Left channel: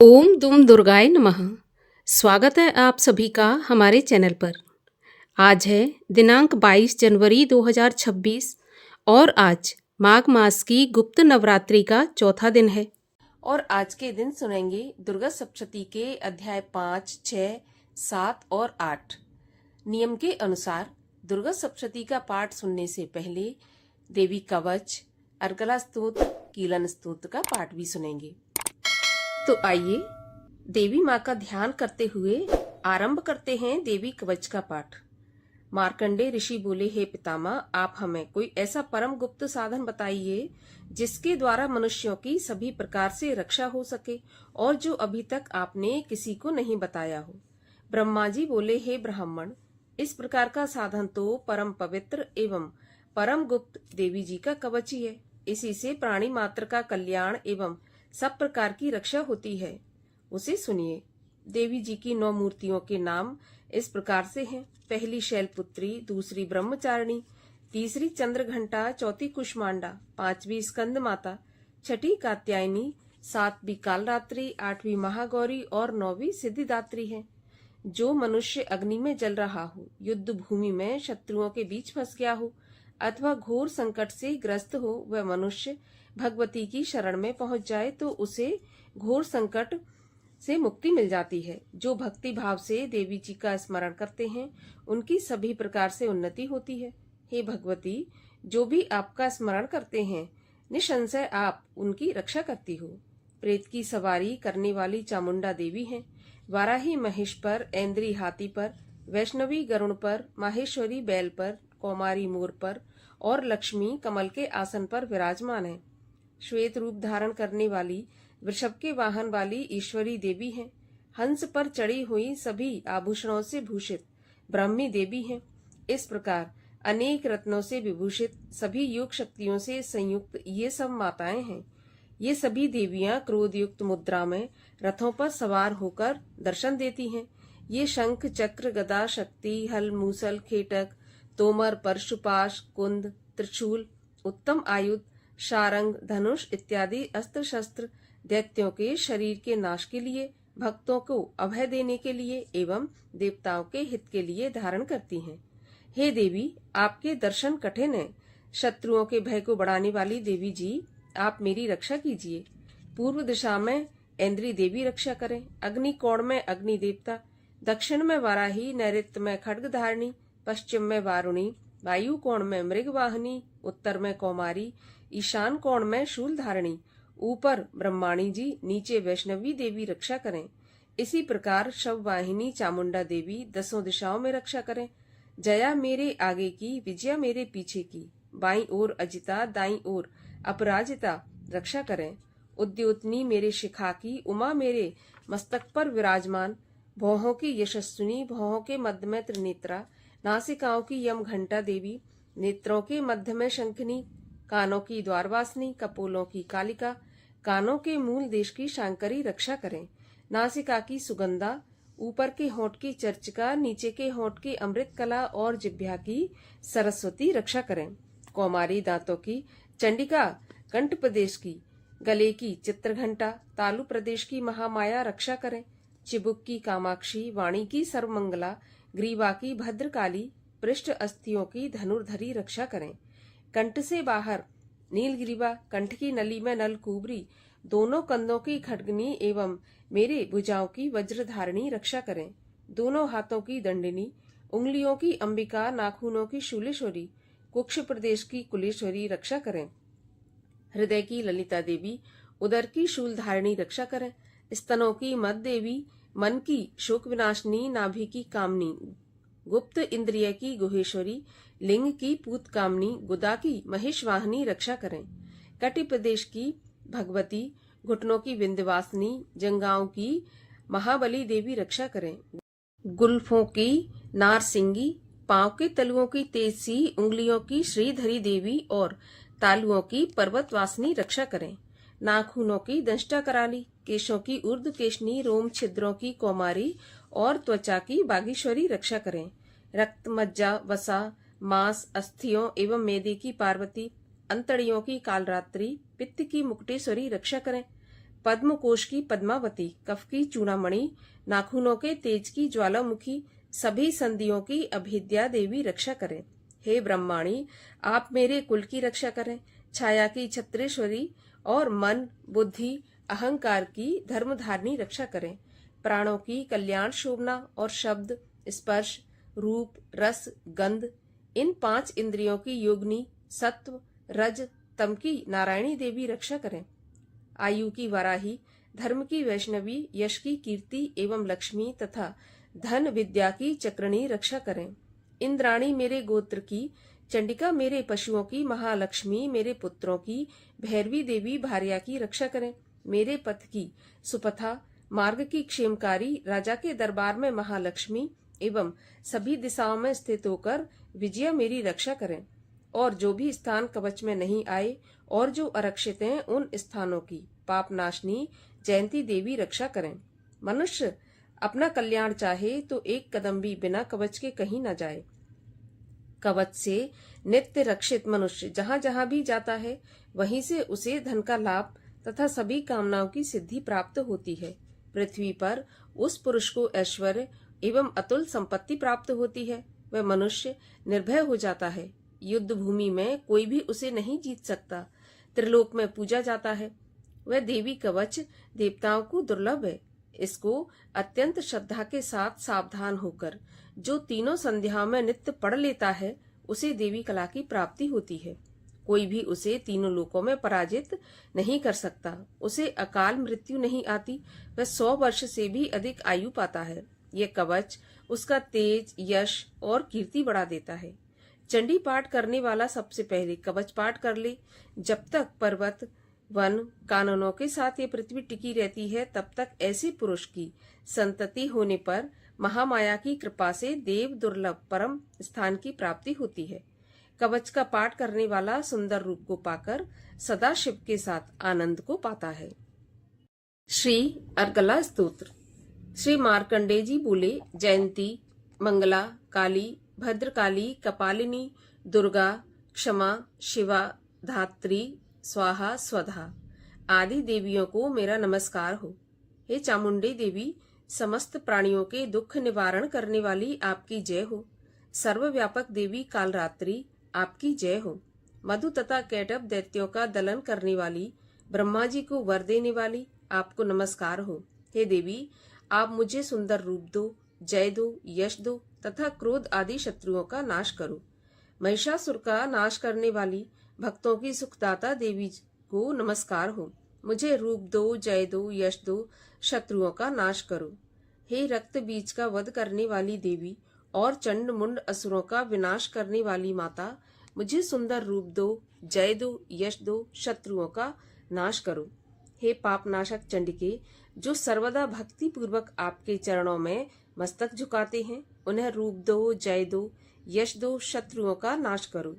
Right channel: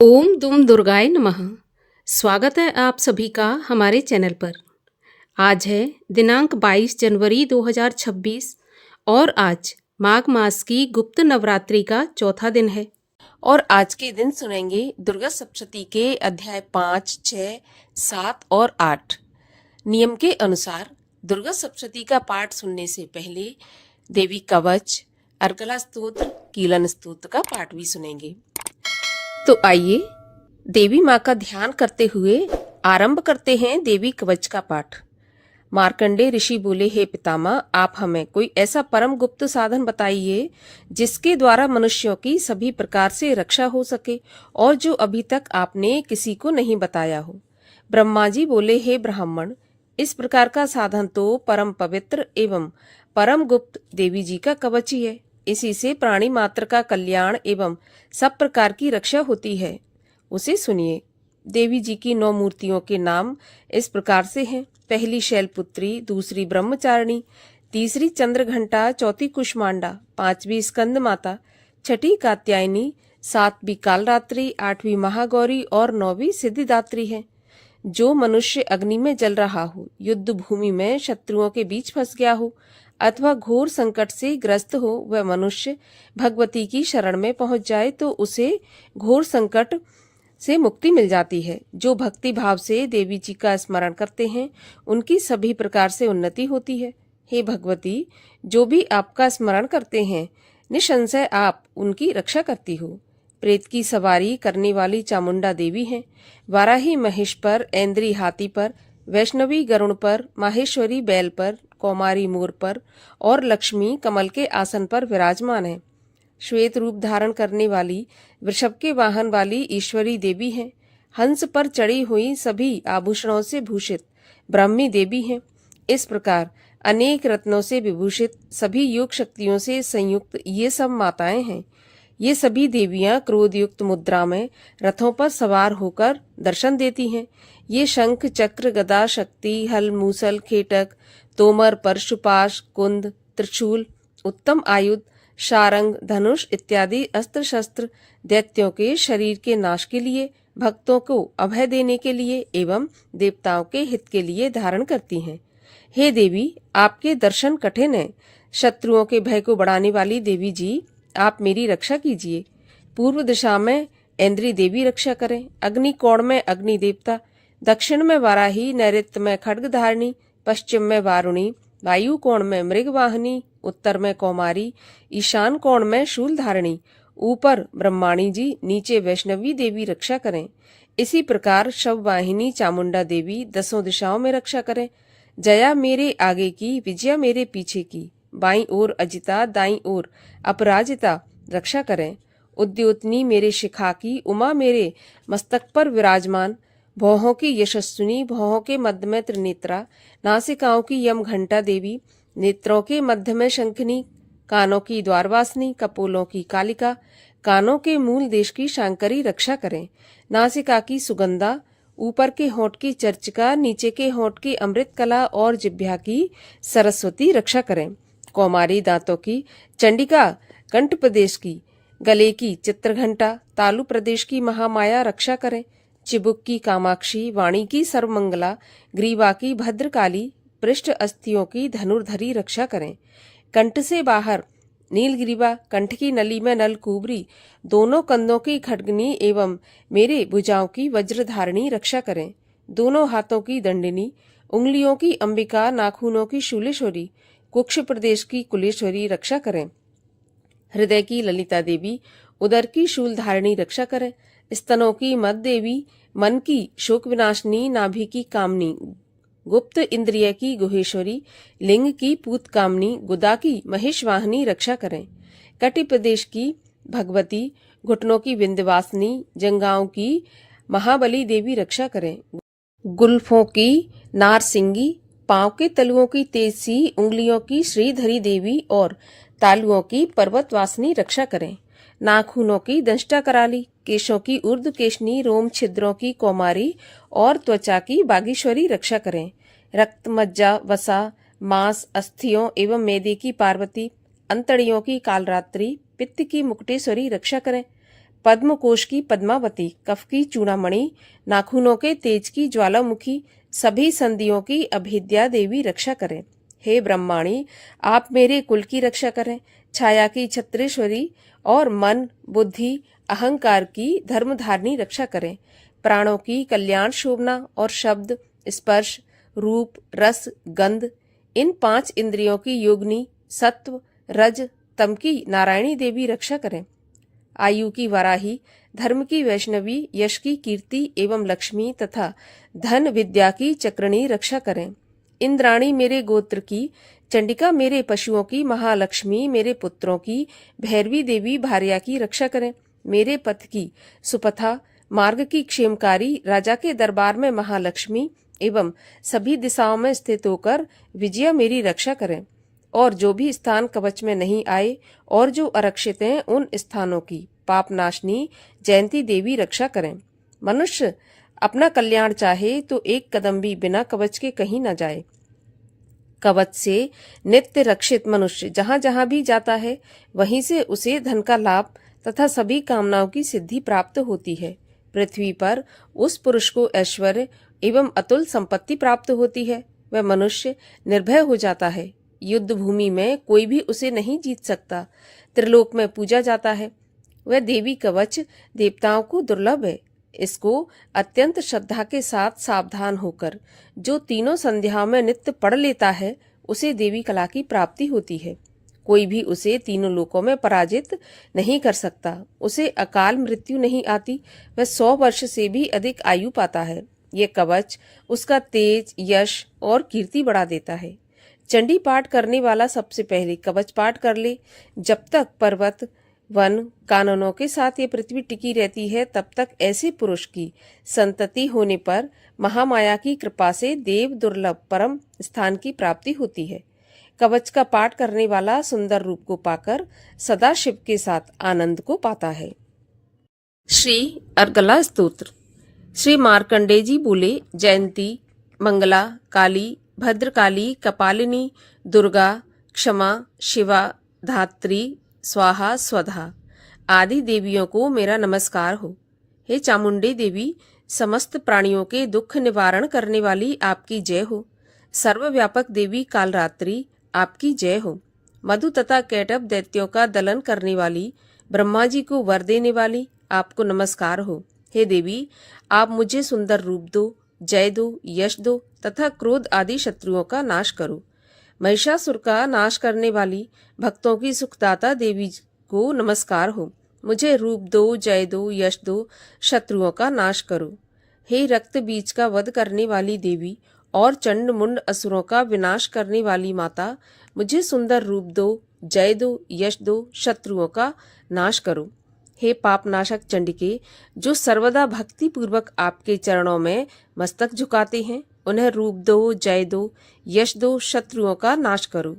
ओम दुम दुर्गाय नमः। स्वागत है आप सभी का हमारे चैनल पर। आज है दिनांक 22 जनवरी 2026 और आज माघ मास की गुप्त नवरात्रि का चौथा दिन है। और आज के दिन सुनेंगे दुर्गा सप्तशती के अध्याय 5, 6, 7 और 8। नियम के अनुसार दुर्गा सप्तशती का पाठ सुनने से पहले देवी कवच, अर्गला स्तोत्र, कीलन स्तोत्र का पाठ भी सुनेंगे। तो आइए देवी माँ का ध्यान करते हुए आरंभ करते हैं देवी कवच का पाठ। मार्कंडे ऋषि बोले, हे पितामह, आप हमें कोई ऐसा परम गुप्त साधन बताइए जिसके द्वारा मनुष्यों की सभी प्रकार से रक्षा हो सके और जो अभी तक आपने किसी को नहीं बताया हो। ब्रह्मा जी बोले, हे ब्राह्मण, इस प्रकार का साधन तो परम पवित्र एवं परम गुप्त देवी जी का कवच ही है। इसी से प्राणी मात्र का कल्याण एवं सब प्रकार की रक्षा होती है। उसे सुनिए। देवी जी की 9 मूर्तियों के नाम इस प्रकार से हैं। पहली शैलपुत्री, दूसरी ब्रह्मचारिणी, तीसरी चंद्रघंटा, चौथी कुष्मांडा, पांचवी स्कंद माता, छठी कात्यायनी, सातवीं कालरात्रि, आठवीं महागौरी और 9वीं सिद्धिदात्री है। जो मनुष्य अग्नि में जल रहा हो, युद्ध भूमि में शत्रुओं के बीच फंस गया हो अथवा घोर संकट से ग्रस्त हो, वह मनुष्य भगवती की शरण में पहुंच जाए तो उसे घोर संकट से मुक्ति मिल जाती है। जो भक्ति भाव से देवी जी का स्मरण करते हैं उनकी सभी प्रकार से उन्नति होती है। हे भगवती, जो भी आपका स्मरण करते हैं निसंशय आप उनकी रक्षा करती हो। प्रेत की सवारी करने वाली चामुंडा देवी हैं। वाराही महेश पर, ऐन्द्री हाथी पर, वैष्णवी गरुण पर, माहेश्वरी बैल पर, कौमारी मोर पर और लक्ष्मी कमल के आसन पर विराजमान है। श्वेत रूप धारण करने वाली वृषभ के वाहन वाली ईश्वरी देवी हैं। हंस पर चढ़ी हुई सभी आभूषणों से भूषित ब्राह्मी देवी हैं। इस प्रकार अनेक रत्नों से विभूषित सभी योग शक्तियों से संयुक्त ये सब माताएं हैं। ये सभी देवियां क्रोध युक्त मुद्रा में रथों पर सवार होकर दर्शन देती हैं। ये शंख, चक्र, गदा, शक्ति, हल, मूसल, खेटक, तोमर, परशुपाश, कुंद, त्रिशूल, उत्तम आयुध, शारंग, धनुष इत्यादि अस्त्र शस्त्र दैत्यों के शरीर के नाश के लिए, भक्तों को अभय देने के लिए एवं देवताओं के हित के लिए धारण करती हैं। हे देवी, आपके दर्शन कठिन है। शत्रुओं के भय को बढ़ाने वाली देवी जी, आप मेरी रक्षा कीजिए। पूर्व दिशा में ऐन्द्री देवी रक्षा करें, अग्नि कोण में अग्नि देवता, दक्षिण में वाराही, नैऋत्य में खड्गधारिणी, पश्चिम में वारुणी, वायु कोण में मृगवाहिनी, उत्तर में कौमारी, ईशान कोण में शूलधारिणी, ऊपर ब्रह्माणी जी, नीचे वैष्णवी देवी रक्षा करें। इसी प्रकार शववाहिनी चामुंडा देवी 10 दिशाओं में रक्षा करें। जया मेरे आगे की, विजया मेरे पीछे की, बाईं ओर अजिता, दाईं ओर अपराजिता रक्षा करें। उद्योतनी मेरे शिखा की, उमा मेरे मस्तक पर विराजमान, भौहों की यशस्विनी, भौहों के मध्य में त्रिनेत्रा, नासिकाओं की यम घंटा देवी, नेत्रों के मध्य में शंखनी, कानों की द्वारवासिनी, कपोलों की कालिका, कानों के मूल देश की शांकरी रक्षा करें। नासिका की सुगंधा, ऊपर के होंठ की चर्चिका, नीचे के होंठ की अमृत कला और जिह्वा की सरस्वती रक्षा करें। कौमारी दांतों की चंडिका, कंठ प्रदेश की गले की चित्रघंटा, तालु प्रदेश की महामाया रक्षा करें। चिबुक की कामाक्षी, वाणी की सर्वमंगला, ग्रीवा की भद्रकाली, पृष्ठ अस्थियों की धनुर्धरी रक्षा करें। कंठ से बाहर नीलग्रीवा, कंठ की नली में नलकूबरी, दोनों कंधों की खड्गनी एवं मेरे भुजाओं की वज्रधारिणी रक्षा करें। दोनों हाथों की दंडिनी, उंगलियों की अंबिका, नाखूनों की शूलेश्वरी, कुक्ष प्रदेश की कुलेश्वरी रक्षा करें। हृदय की ललिता देवी, उदर की शूलधारिणी रक्षा करें। स्तनों की मद देवी, मन की शोक विनाशिनी, नाभि की कामनी, गुप्त इंद्रिय की गुहेश्वरी, लिंग की पूत कामनी, गुदा की महेशवाहिनी रक्षा करें। कटि प्रदेश की भगवती, घुटनों की विंध्यवासिनी, जंगाओं की महाबली देवी रक्षा करें। गुल्फों की नारसिंगी, पांव के तलुओं की तेजसी, उंगलियों की श्रीधरी देवी और तालुओं की पर्वतवासिनी रक्षा करें। नाखूनों की दंष्टा कराली, केशों की ऊर्ध्व केशनी, रोम छिद्रों की कौमारी और त्वचा की बागीश्वरी रक्षा करें। रक्त, मज्जा, वसा, मांस, अस्थियों एवं मेदे की पार्वती, अंतड़ियों की कालरात्रि, पित्त की मुकुटेश्वरी रक्षा करें। पद्मकोश की पद्मावती, कफ की चूड़ामणि, नाखूनों के तेज की ज्वालामुखी, सभी संधियों की अभेद्या देवी रक्षा करें। हे ब्रह्माणी, आप मेरे कुल की रक्षा करें। छाया की छत्रेश्वरी और मन, बुद्धि, अहंकार की धर्मधारिणी रक्षा करें। प्राणों की कल्याण शोभना और शब्द, स्पर्श, रूप, रस, गंध, इन 5 इंद्रियों की योगिनी, सत्व, रज, तम की नारायणी देवी रक्षा करें। आयु की वराही, धर्म की वैष्णवी, यश की कीर्ति एवं लक्ष्मी तथा धन विद्या की चक्रणी रक्षा करें। इंद्राणी मेरे गोत्र की, चंडिका मेरे पशुओं की, महालक्ष्मी मेरे पुत्रों की, भैरवी देवी भार्या की रक्षा करें। मेरे पथ की सुपथा, मार्ग की क्षेमकारी, राजा के दरबार में महालक्ष्मी एवं सभी दिशाओं में स्थित होकर विजया मेरी रक्षा करें। और जो भी स्थान कवच में नहीं आए और जो आरक्षित हैं, उन स्थानों की पापनाशनी जयंती देवी रक्षा करें। मनुष्य अपना कल्याण चाहे तो एक कदम भी बिना कवच के कहीं न जाए। कवच से नित्य रक्षित मनुष्य जहाँ जहाँ भी जाता है, वहीं से उसे धन का लाभ तथा सभी कामनाओं की सिद्धि प्राप्त होती है। पृथ्वी पर उस पुरुष को ऐश्वर्य एवं अतुल संपत्ति प्राप्त होती है। वह मनुष्य निर्भय हो जाता है। युद्ध भूमि में कोई भी उसे नहीं जीत सकता। त्रिलोक में पूजा जाता है। वह देवी कवच देवताओं को दुर्लभ है। इसको अत्यंत श्रद्धा के साथ सावधान होकर जो तीनों संध्याओं में नित्य पढ़ लेता है, उसे देवी कला की प्राप्ति होती है। कोई भी उसे तीनों लोकों में पराजित नहीं कर सकता। उसे अकाल मृत्यु नहीं आती। वह 100 वर्ष से भी अधिक आयु पाता है। ये कवच उसका तेज, यश और कीर्ति बढ़ा देता है। चंडी पाठ करने वाला सबसे पहले कवच पाठ कर ले। जब तक पर्वत, वन, काननों के साथ ये पृथ्वी टिकी रहती है, तब तक ऐसे पुरुष की संतति होने पर महामाया की कृपा से देव दुर्लभ परम स्थान की प्राप्ति होती है। कवच का पाठ करने वाला सुंदर रूप को पाकर सदा शिव के साथ आनंद को पाता है। श्री अर्गला स्तोत्र। श्री मार्कंडेय जी बोले, जयंती, मंगला, काली, भद्रकाली, कपालिनी, दुर्गा, क्षमा, शिवा, धात्री, स्वाहा, स्वधा आदि देवियों को मेरा नमस्कार हो। हे चामुंडे देवी, समस्त प्राणियों के दुख निवारण करने वाली आपकी जय हो। सर्वव्यापक देवी कालरात्रि, आपकी जय हो। मधु तथा कैटभ दैत्यों का दलन करने वाली, ब्रह्मा जी को वर देने वाली, आपको नमस्कार हो। हे देवी, आप मुझे सुंदर रूप दो, जय दो, यश दो तथा क्रोध आदि शत्रुओं का नाश करो। महिषासुर का नाश करने वाली, भक्तों की सुखदाता देवी को नमस्कार हो। मुझे रूप दो, जय दो, यश दो, शत्रुओं का नाश करो। हे रक्त बीज का वध करने वाली देवी और चंड मुंड असुरों का विनाश करने वाली माता, मुझे सुंदर रूप दो, जय दो, यश दो, शत्रुओं का नाश करो। हे पापनाशक चंडिके, जो सर्वदा भक्ति पूर्वक आपके चरणों में मस्तक झुकाते हैं, उन्हें रूप दो, जय दो, यश दो, शत्रुओं का नाश करो।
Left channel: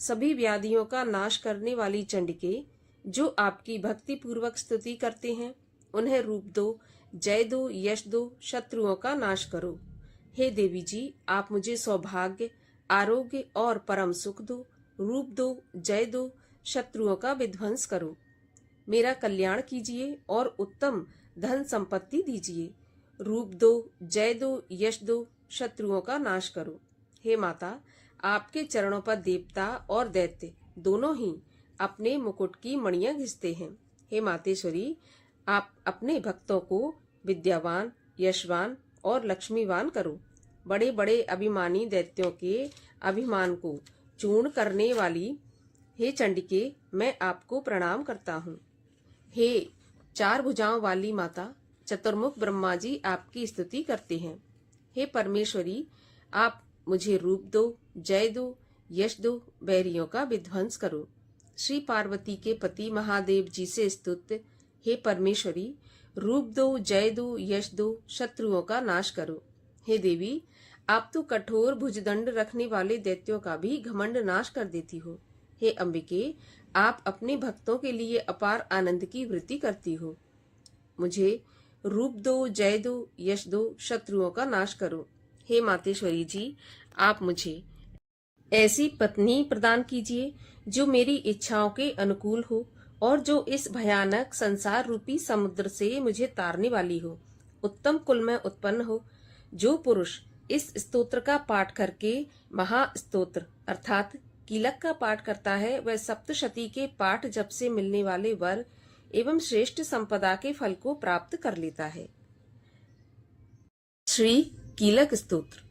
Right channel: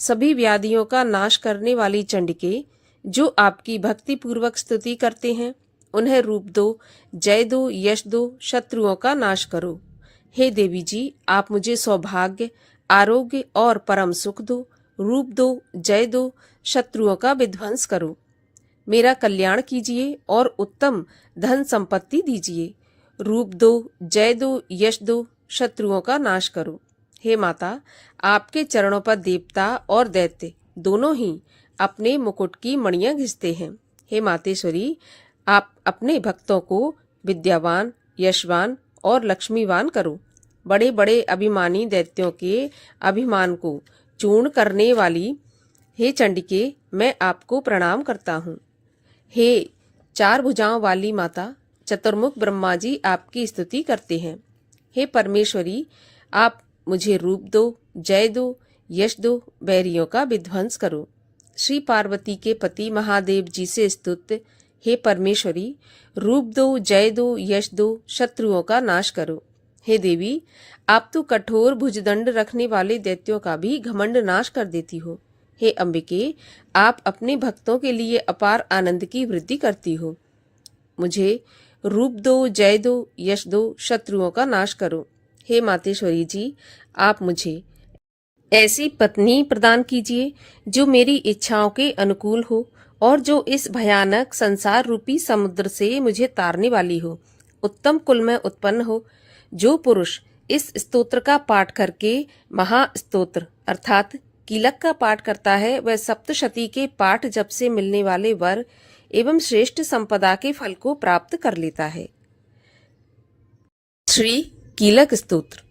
सभी व्याधियों का नाश करने वाली चंडिके, जो आपकी भक्ति पूर्वक स्तुति करते हैं, उन्हें रूप दो, जय दो, यश दो, शत्रुओं का नाश करो। हे देवी जी, आप मुझे सौभाग्य, आरोग्य और परम सुख दो। रूप दो, जय दो, शत्रुओं का विध्वंस करो। मेरा कल्याण कीजिए और उत्तम धन संपत्ति दीजिए। रूप दो, जय दो, यश दो, शत्रुओं का नाश करो। हे माता, आपके चरणों पर देवता और दैत्य दोनों ही अपने मुकुट की मणियां घिसते हैं। हे मातेश्वरी, आप अपने भक्तों को विद्यावान, यशवान और लक्ष्मीवान करो। बड़े बड़े अभिमानी दैत्यों के अभिमान को चूर्ण करने वाली हे चंडिके, मैं आपको प्रणाम करता हूँ। हे 4 भुजाओं वाली माता, चतुर्मुख ब्रह्मा जी आपकी स्तुति करते हैं। हे परमेश्वरी, आप मुझे रूप दो, जय दो, यश दो, बैरियों का विध्वंस करो। श्री पार्वती के पति महादेव जी से स्तुत्य हे परमेश्वरी, रूप दो, जय दो, यश दो, शत्रुओं का नाश करो। हे देवी, आप तो कठोर भुजदंड रखने वाले दैत्यों का भी घमंड नाश कर देती हो। हे अंबिके, आप अपने भक्तों के लिए अपार आनंद की वृद्धि करती हो। मुझे रूप दो, जय दो, यश दो, शत्रुओं का नाश करो। हे मातेश्वरी जी, आप मुझे ऐसी पत्नी प्रदान कीजिए जो मेरी इच्छाओं के अनुकूल हो और जो इस भयानक संसार रूपी समुद्र से मुझे तारने वाली हो, उत्तम कुल में उत्पन्न हो। जो पुरुष इस स्तोत्र का पाठ करके महास्तोत्र अर्थात कीलक का पाठ करता है, वह सप्तशती के पाठ जप से मिलने वाले वर एवं श्रेष्ठ संपदा के फल को प्राप्त कर लेता है। श्री कीलक स्तोत्र।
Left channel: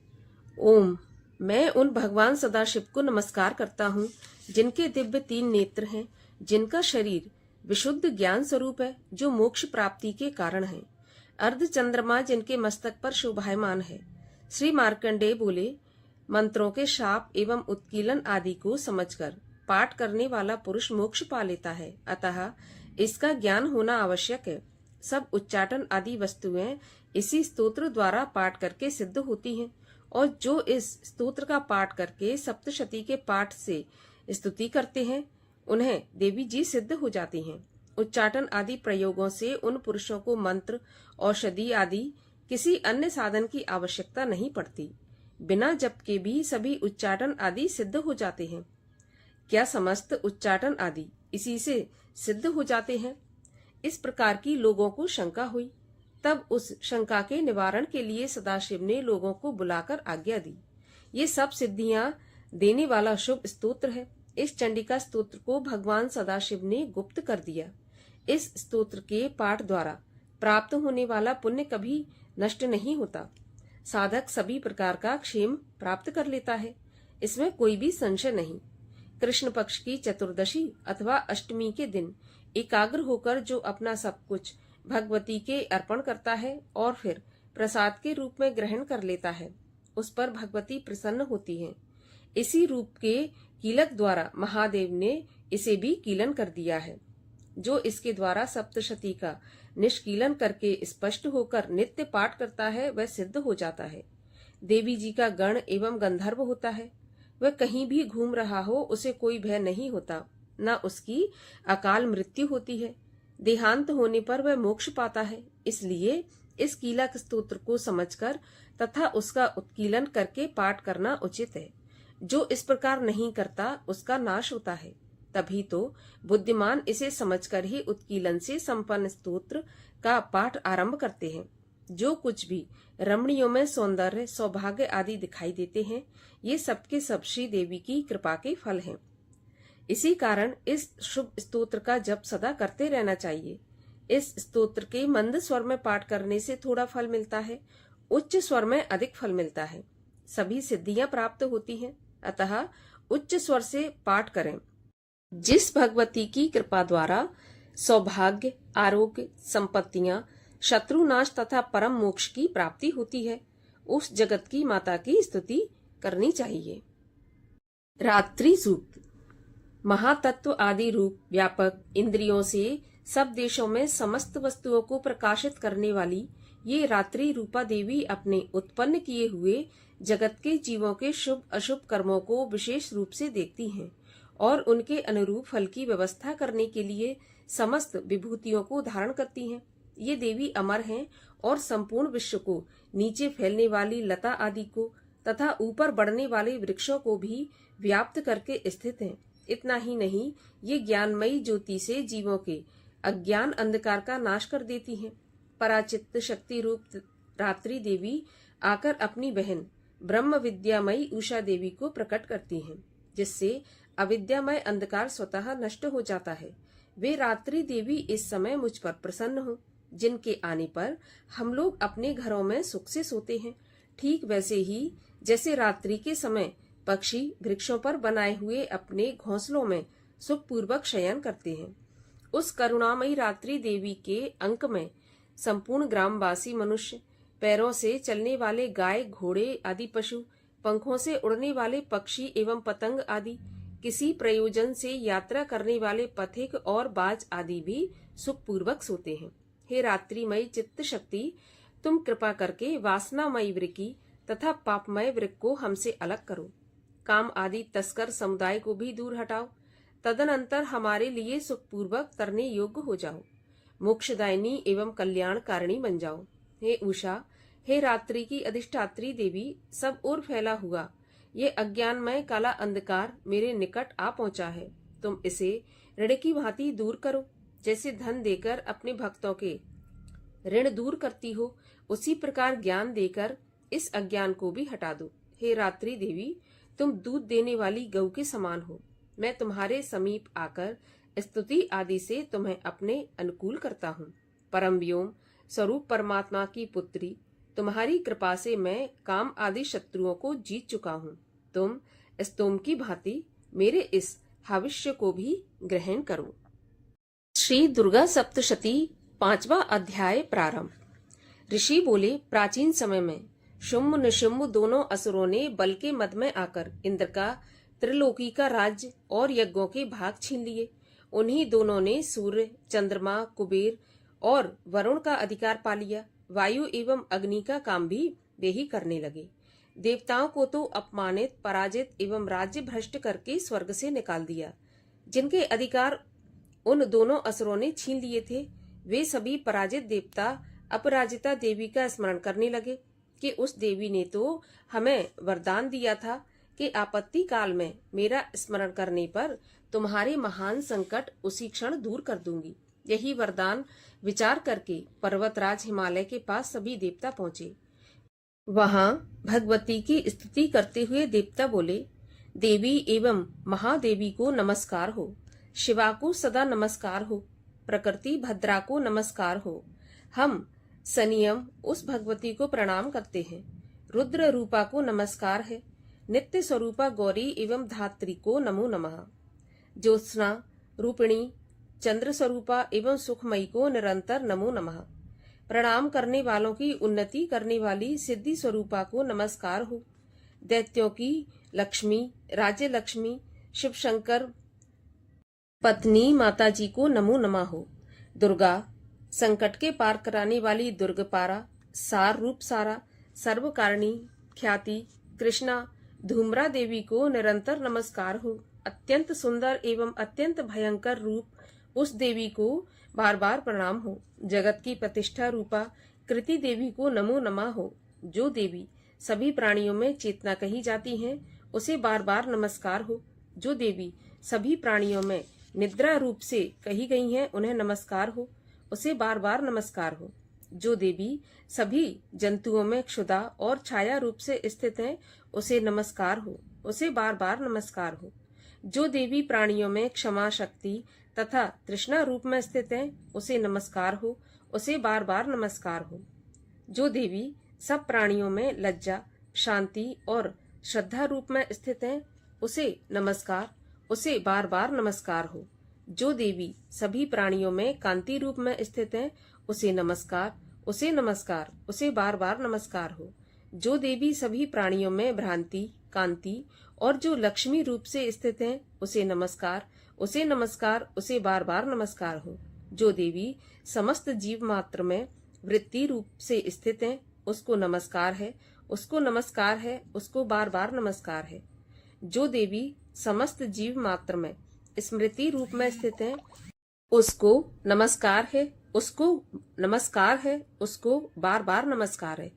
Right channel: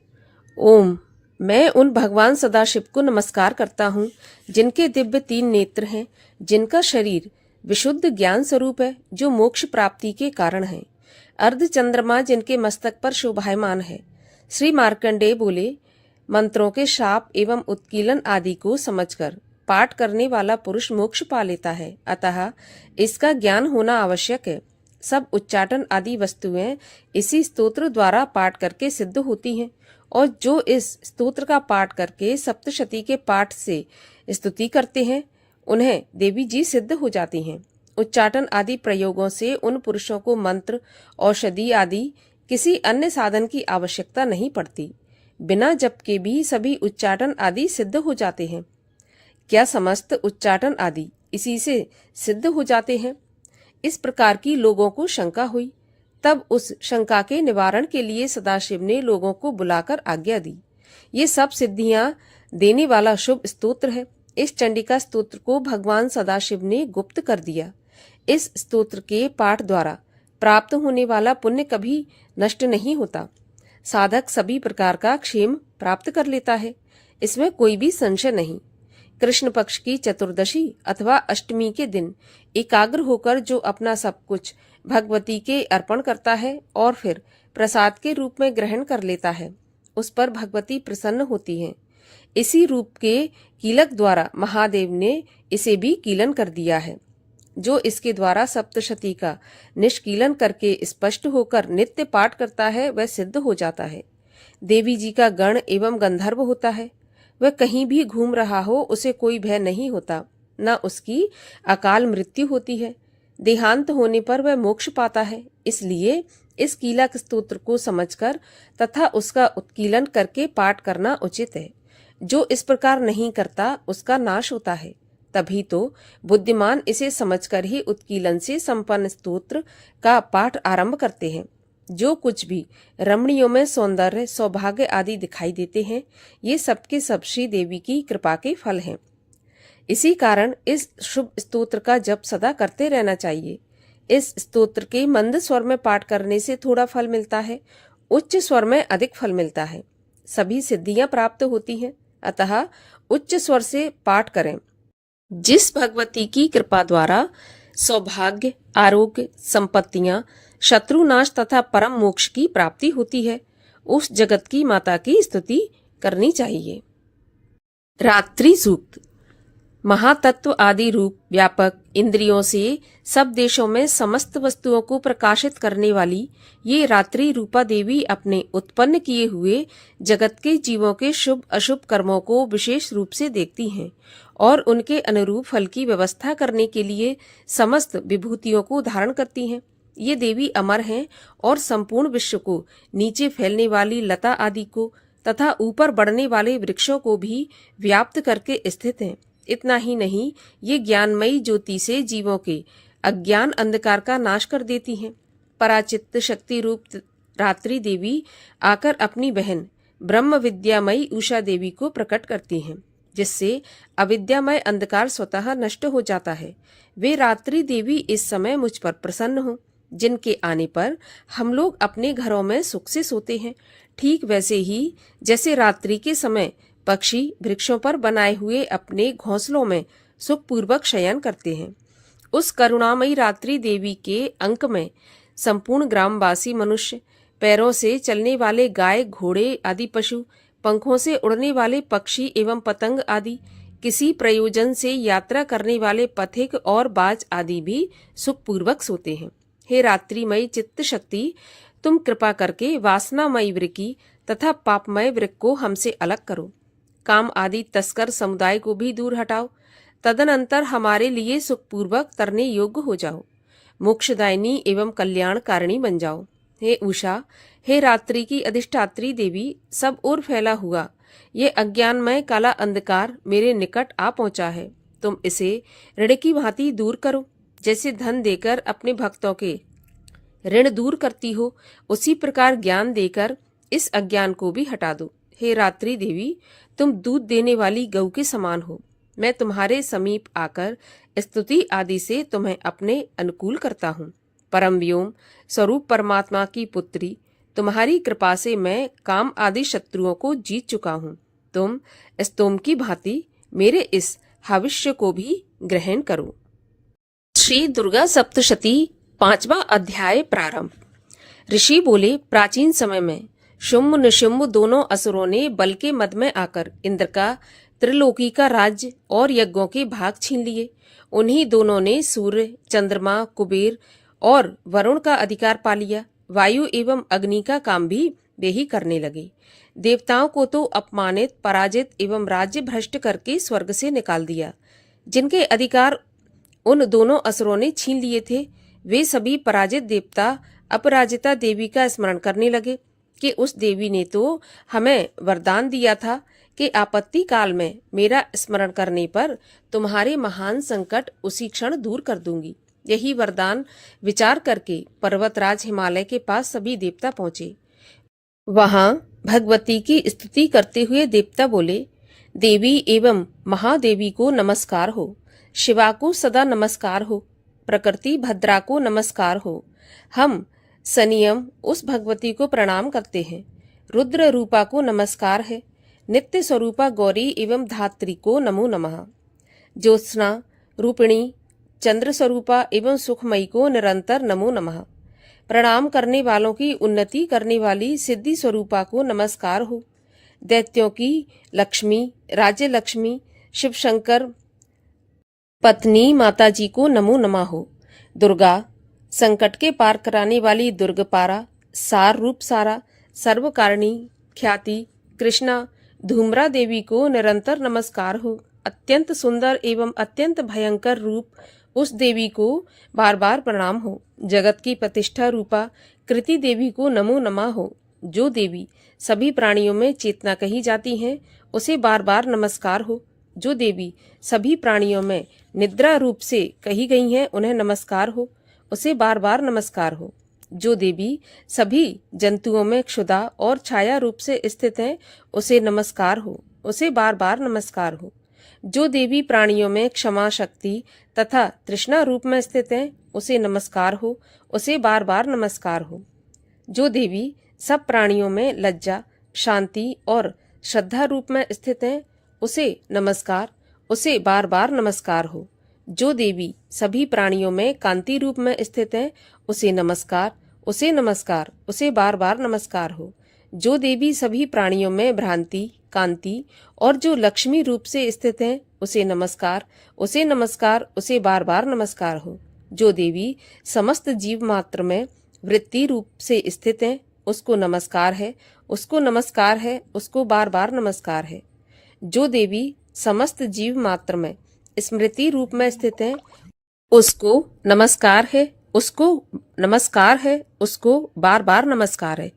ओम। मैं उन भगवान सदाशिव को नमस्कार करता हूँ जिनके दिव्य 3 नेत्र हैं, जिनका शरीर विशुद्ध ज्ञान स्वरूप है, जो मोक्ष प्राप्ति के कारण है। अर्ध चंद्रमा जिनके मस्तक पर शोभायमान है। श्री मार्कंडेय बोले, मंत्रों के शाप एवं उत्कीलन आदि को समझकर पाठ करने वाला पुरुष मोक्ष पा लेता है, अतः इसका ज्ञान होना आवश्यक है। सब उच्चाटन आदि वस्तुएं इसी स्तोत्र द्वारा पाठ करके सिद्ध होती हैं, और जो इस स्तोत्र का पाठ करके सप्तशती के पाठ से स्तुति करते हैं, उन्हें देवी जी सिद्ध हो जाती हैं। उच्चाटन आदि प्रयोगों से उन पुरुषों को मंत्र, औषधि आदि किसी अन्य साधन की आवश्यकता नहीं पड़ती। बिना जप के भी सभी उच्चाटन आदि सिद्ध हो जाते हैं। क्या समस्त उच्चाटन आदि इसी से सिद्ध हो जाते हैं? इस प्रकार की लोगों को शंका हुई। तब उस शंका के निवारण के लिए सदाशिव ने लोगों को बुलाकर आज्ञा दी। ये सब सिद्धियां देने वाला शुभ स्तोत्र है। इस चंडिका स्तोत्र को भगवान सदाशिव ने गुप्त कर दिया। इस स्तोत्र के पाठ द्वारा प्राप्त होने वाला पुण्य कभी नष्ट नहीं होता। साधक सभी प्रकार का क्षेम प्राप्त कर लेता है, इसमें कोई भी संशय नहीं। कृष्ण पक्ष की चतुर्दशी अथवा अष्टमी के दिन एकाग्र होकर जो अपना सब कुछ भगवती के अर्पण करता है और फिर प्रसाद के रूप में ग्रहण कर लेता है, उस पर भगवती प्रसन्न होती हैं। इसी रूप के कीलक द्वारा महादेव ने इसे भी कीलन कर दिया है। जो इसके द्वारा सप्तशती का निष्कीलन करके स्पष्ट होकर नित्य पाठ करता है, वह सिद्ध हो जाता है। देवी जी का गण एवं गंधर्व होता है। वह कहीं भी घूम रहा हो, उसे कोई भय नहीं होता, न उसकी अकाल मृत्यु होती है। देहांत होने पर वह मोक्ष पाता है। इसलिए इस कीलक स्तोत्र को समझकर तथा उसका उत्कीलन करके पाठ करना उचित है। जो इस प्रकार नहीं करता, उसका नाश होता है। तभी तो बुद्धिमान इसे समझकर ही उत्कीलन से संपन्न स्तोत्र का पाठ आरंभ करते हैं। जो कुछ भी रमणियों में सौंदर्य, सौभाग्य आदि दिखाई देते हैं, ये सबके सब श्री देवी की कृपा के फल हैं। इसी कारण इस शुभ स्तोत्र का जप सदा करते रहना चाहिए। इस स्तोत्र के मंद स्वर में पाठ करने से थोड़ा फल मिलता है, उच्च स्वर में अधिक फल मिलता है। सभी सिद्धियां प्राप्त होती हैं, अतः उच्च स्वर से पाठ करें। जिस भगवती की कृपा द्वारा सौभाग्य, आरोग्य, संपत्तियां, शत्रुनाश तथा परम मोक्ष की प्राप्ति होती है, उस जगत की माता की स्तुति करनी चाहिए। रात्रि सूक्त। महातत्व आदि रूप व्यापक इंद्रियों से सब देशों में समस्त वस्तुओं को प्रकाशित करने वाली ये रात्रि रूपा देवी अपने उत्पन्न किए हुए जगत के जीवों के शुभ अशुभ कर्मों को विशेष रूप से देखती हैं और उनके अनुरूप फल की व्यवस्था करने के लिए समस्त विभूतियों को धारण करती हैं। ये देवी अमर हैं और संपूर्ण विश्व को, नीचे फैलने वाली लता आदि को तथा ऊपर बढ़ने वाले वृक्षों को भी व्याप्त करके स्थित हैं। इतना ही नहीं, ये ज्ञानमयी ज्योति से जीवों के अज्ञान अंधकार का नाश कर देती हैं। पराचित्त शक्ति रूप रात्रि देवी आकर अपनी बहन ब्रह्म विद्यामयी उषा देवी को प्रकट करती हैं, जिससे अविद्यामय अंधकार स्वतः नष्ट हो जाता है। वे रात्रि देवी इस समय मुझ पर प्रसन्न हो, जिनके आने पर हम लोग अपने घरों में सुख से सोते हैं। ठीक वैसे ही जैसे रात्रि के समय पक्षी वृक्षों पर बनाए हुए अपने घोंसलों में सुखपूर्वक शयन करते हैं, उस करुणामयी रात्रि देवी के अंक में संपूर्ण ग्रामवासी मनुष्य, पैरों से चलने वाले गाय, घोड़े आदि पशु, पंखों से उड़ने वाले पक्षी एवं पतंग आदि, किसी प्रयोजन से यात्रा करने वाले पथिक और बाज आदि भी सुखपूर्वक सोते हैं। हे रात्रिमयी चित्त शक्ति, तुम कृपा करके वासनामयी वृक्की तथा पापमय वृक्क को हमसे अलग करो। काम आदि तस्कर समुदाय को भी दूर हटाओ। तदनंतर हमारे लिए सुखपूर्वक तरने योग्य हो जाओ। मोक्षदायिनी एवं कल्याणकारिणी बन जाओ। हे उषा, हे रात्रि की अधिष्ठात्री देवी, सब ओर फैला हुआ ये अज्ञानमय काला अंधकार मेरे निकट आ पहुंचा है। तुम इसे ऋण की भांति दूर करो। जैसे धन देकर अपने भक्तों के ऋण दूर करती हो, उसी प्रकार ज्ञान देकर इस अज्ञान को भी हटा दो। हे रात्रि देवी, तुम दूध देने वाली गौ के समान हो। मैं तुम्हारे समीप आकर स्तुति आदि से तुम्हें अपने अनुकूल करता हूँ। परम व्योम स्वरूप परमात्मा की पुत्री, तुम्हारी कृपा से मैं काम आदि शत्रुओं को जीत चुका हूँ। तुम स्तोम की भांति मेरे इस हविष्य को भी ग्रहण करो। श्री दुर्गा सप्तशती 5वां अध्याय प्रारंभ। ऋषि बोले, प्राचीन समय में शुम्भ निशुम्भ दोनों असुरों ने बल के मद में आकर इंद्र का त्रिलोकी का राज्य और यज्ञों के भाग छीन लिए। उन्हीं दोनों ने सूर्य, चंद्रमा, कुबेर और वरुण का अधिकार पा लिया। वायु एवं अग्नि का काम भी वे ही करने लगे। देवताओं को तो अपमानित, पराजित एवं राज्य भ्रष्ट करके स्वर्ग से निकाल दिया। जिनके अधिकार उन दोनों असुरों ने छीन लिए थे, वे सभी पराजित देवता अपराजिता देवी का स्मरण करने लगे कि उस देवी ने तो हमें वरदान दिया था कि आपत्ति काल में मेरा स्मरण करने पर तुम्हारे महान संकट उसी क्षण दूर कर दूंगी। यही वरदान विचार करके पर्वतराज हिमालय के पास सभी देवता पहुंचे। वहां भगवती की स्तुति करते हुए देवता बोले, देवी एवं महादेवी को नमस्कार हो, शिवा को सदा नमस्कार हो, प्रकृति भद्रा को नमस्कार हो। हम सनियम उस भगवती को प्रणाम करते हैं। रुद्र रूपा को नमस्कार है। नित्य स्वरूपा गौरी एवं धात्री को नमो नमः। ज्योत्सना रूपिणी चंद्र स्वरूपा एवं सुखमयी को निरंतर नमो नमः। प्रणाम करने वालों की उन्नति करने वाली सिद्धि स्वरूपा को नमस्कार हो। दैत्यों की लक्ष्मी, राज्य लक्ष्मी, शिव शंकर पत्नी माता जी को नमो नमः हो। दुर्गा संकट के पार कराने वाली दुर्गपारा, सार रूप सारा, सर्वकारिणी ख्याति कृष्णा धूम्रा देवी को निरंतर नमस्कार हो। अत्यंत सुंदर एवं अत्यंत भयंकर रूप उस देवी को बार बार प्रणाम हो। जगत की प्रतिष्ठा रूपा कृति देवी को नमो नमः हो। जो देवी सभी प्राणियों में चेतना कही जाती हैं, उसे बार बार नमस्कार हो। जो देवी सभी प्राणियों में निद्रा रूप से कही गई हैं, उन्हें नमस्कार हो, उसे बार बार नमस्कार हो। जो देवी सभी जंतुओं में क्षुधा और छाया रूप से स्थित है, उसे नमस्कार हो, उसे बार बार नमस्कार हो। जो देवी प्राणियों में क्षमा शक्ति तथा तृष्णा रूप में स्थित है, उसे नमस्कार हो, उसे बार बार नमस्कार हो। जो देवी सब प्राणियों में लज्जा, शांति और श्रद्धा रूप में स्थित है, उसे नमस्कार, उसे बार बार नमस्कार हो। जो देवी सभी प्राणियों में कांति रूप में स्थित है, उसे नमस्कार, उसे नमस्कार, उसे बार बार नमस्कार हो। जो देवी सभी प्राणियों में भ्रांति, कांति और जो लक्ष्मी रूप से स्थित है, उसे नमस्कार, उसे नमस्कार, उसे बार बार नमस्कार हो। जो देवी समस्त जीव मात्र में वृत्ति रूप से स्थित है, उसको नमस्कार है, उसको नमस्कार है, उसको बार बार नमस्कार है। जो देवी समस्त जीव मात्र में स्मृति रूप में स्थित है, उसको नमस्कार है, उसको नमस्कार है, उसको बार बार नमस्कार है।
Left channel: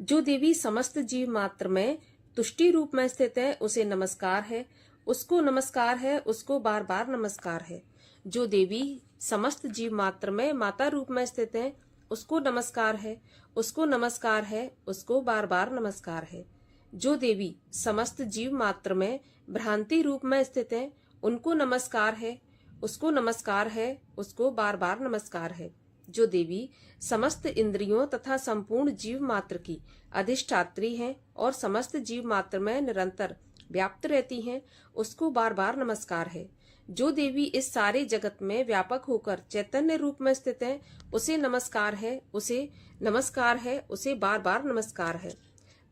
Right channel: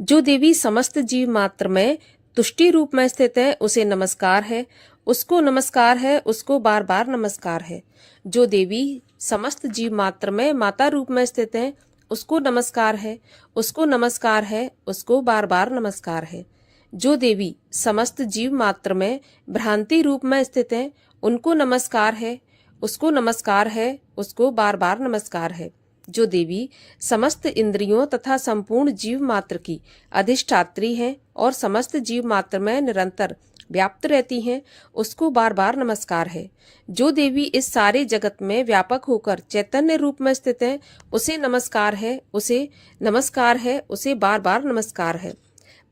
जो देवी समस्त जीव मात्र में तुष्टि रूप में स्थित है, उसे नमस्कार है, उसको नमस्कार है, उसको बार बार नमस्कार है। जो देवी समस्त जीव मात्र में माता रूप में स्थित है, उसको नमस्कार है, उसको नमस्कार है, उसको बार बार नमस्कार है। जो देवी समस्त जीव मात्र में भ्रांति रूप में स्थित है, उनको नमस्कार है, उसको नमस्कार है, उसको बार बार नमस्कार है। जो देवी समस्त इंद्रियों तथा संपूर्ण जीव मात्र की अधिष्ठात्री हैं और समस्त जीव मात्र में निरंतर व्याप्त रहती हैं, उसको बार बार नमस्कार है। जो देवी इस सारे जगत में व्यापक होकर चैतन्य रूप में स्थित है, उसे नमस्कार है, उसे नमस्कार है, उसे बार बार नमस्कार है।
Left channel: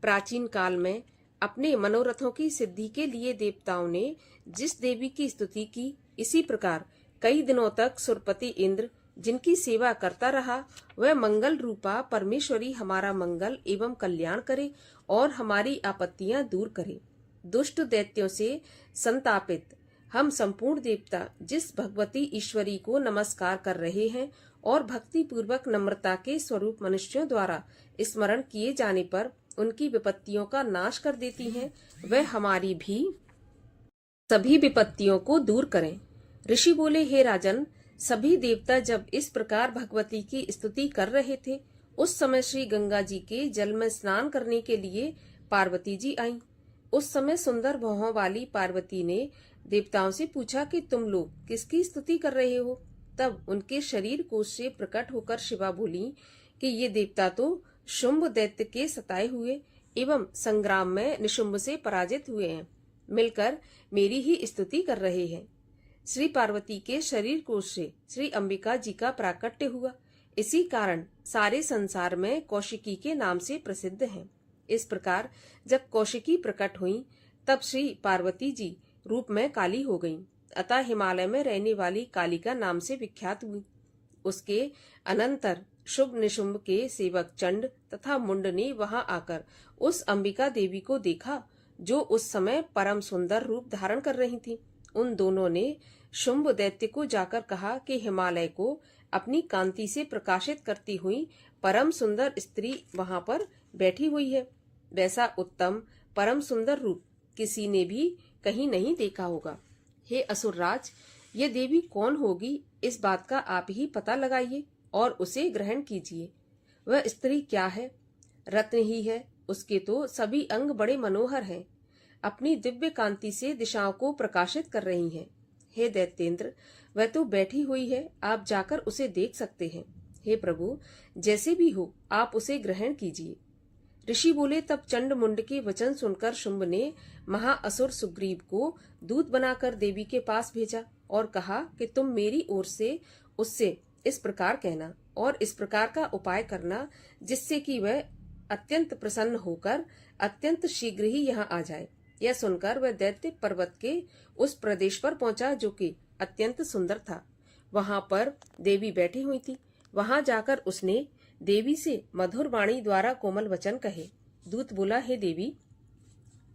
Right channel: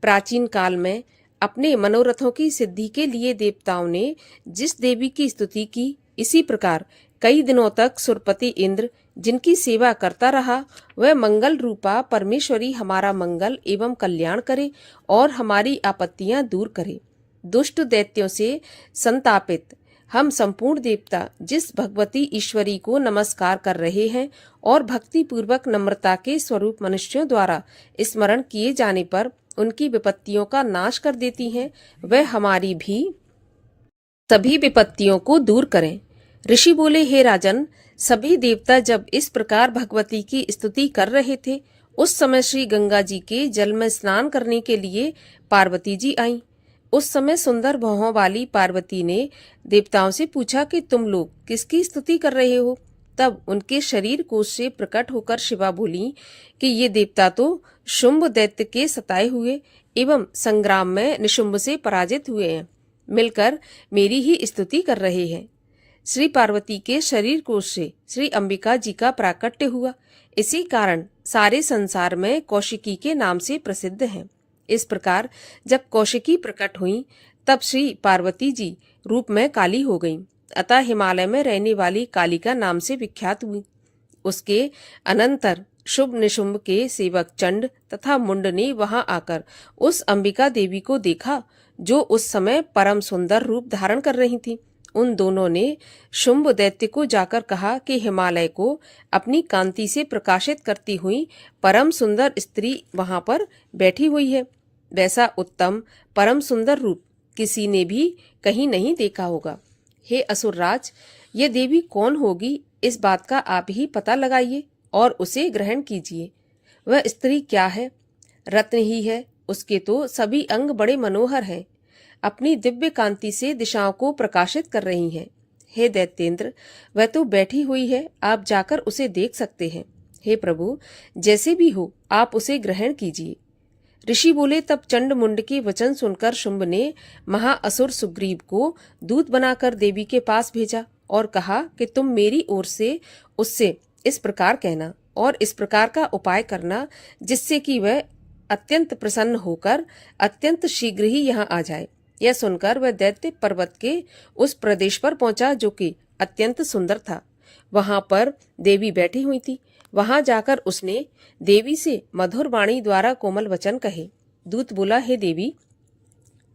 प्राचीन काल में अपने मनोरथों की सिद्धि के लिए देवताओं ने जिस देवी की स्तुति की, इसी प्रकार कई दिनों तक सुरपति इंद्र जिनकी सेवा करता रहा, वह मंगल रूपा परमेश्वरी हमारा मंगल एवं कल्याण करे और हमारी आपत्तियां दूर करे। दुष्ट दैत्यों से संतापित हम संपूर्ण देवता जिस भगवती ईश्वरी को नमस्कार कर रहे हैं और भक्ति पूर्वक नम्रता के स्वरूप मनुष्यों द्वारा स्मरण किए जाने पर उनकी विपत्तियों का नाश कर देती हैं, वह हमारी भी सभी विपत्तियों को दूर करें। ऋषि बोले, हे राजन, सभी देवता जब इस प्रकार भगवती की स्तुति कर रहे थे, उस समय श्री गंगा जी के जल में स्नान करने के लिए पार्वती जी आईं। उस समय सुंदर भौहों वाली पार्वती ने देवताओं से पूछा कि तुम लोग किसकी स्तुति कर रहे हो। तब उनके शरीर कोश से प्रकट होकर शिवा बोली कि ये देवता तो शुंभ दैत्य के सताए हुए एवं संग्राम में निशुंभ से पराजित हुए हैं, मिलकर मेरी ही स्तुति कर रहे हैं। श्री पार्वती के शरीर कोश से श्री अंबिका जी का प्राकट्य हुआ। इसी कारण सारे संसार में कौशिकी के नाम से प्रसिद्ध हैं। इस प्रकार जब कौशिकी प्रकट हुई, तब श्री पार्वती जी रूप में काली हो गईं, अतः हिमालय में रहने वाली कालिका नाम से विख्यात हुई। उसके अनंतर शुभ निशुंभ के सेवक चंड तथा मुंड ने वहां आकर उस अंबिका देवी को देखा, जो उस समय परम सुंदर रूप धारण कर रही थी। उन दोनों ने शुंभ दैत्य को जाकर कहा कि हिमालय को अपनी कांति से प्रकाशित करती हुई परम सुंदर स्त्री वहां पर बैठी हुई है। वैसा उत्तम परम सुंदर रूप किसी ने भी कहीं नहीं देखा होगा। हे असुरराज, ये देवी कौन होगी, इस बात का आप ही पता लगाइए और उसे ग्रहण कीजिए। वह स्त्री क्या है? रत्न ही है। उसके तो सभी अंग बड़े मनोहर हैं, अपनी दिव्य कांति से दिशाओं को प्रकाशित कर रही हैं। हे दैत्येंद्र, वह तो बैठी हुई है, आप जाकर उसे देख सकते हैं। हे प्रभु, जैसे भी हो आप उसे ग्रहण कीजिए। ऋषि बोले, तब चंड मुंड के वचन सुनकर शुंभ ने महाअसुर सुग्रीव को दूत बनाकर देवी के पास भेजा और कहा कि तुम मेरी ओर से उससे इस प्रकार कहना और इस प्रकार का उपाय करना, जिससे कि वह अत्यंत प्रसन्न होकर अत्यंत शीघ्र ही यहाँ आ जाए। यह सुनकर वह दैत्य पर्वत के उस प्रदेश पर पहुंचा जो कि अत्यंत सुंदर था। वहां पर देवी बैठी हुई थी। वहां जाकर उसने देवी से मधुर वाणी द्वारा कोमल वचन कहे। दूत बोला, हे देवी,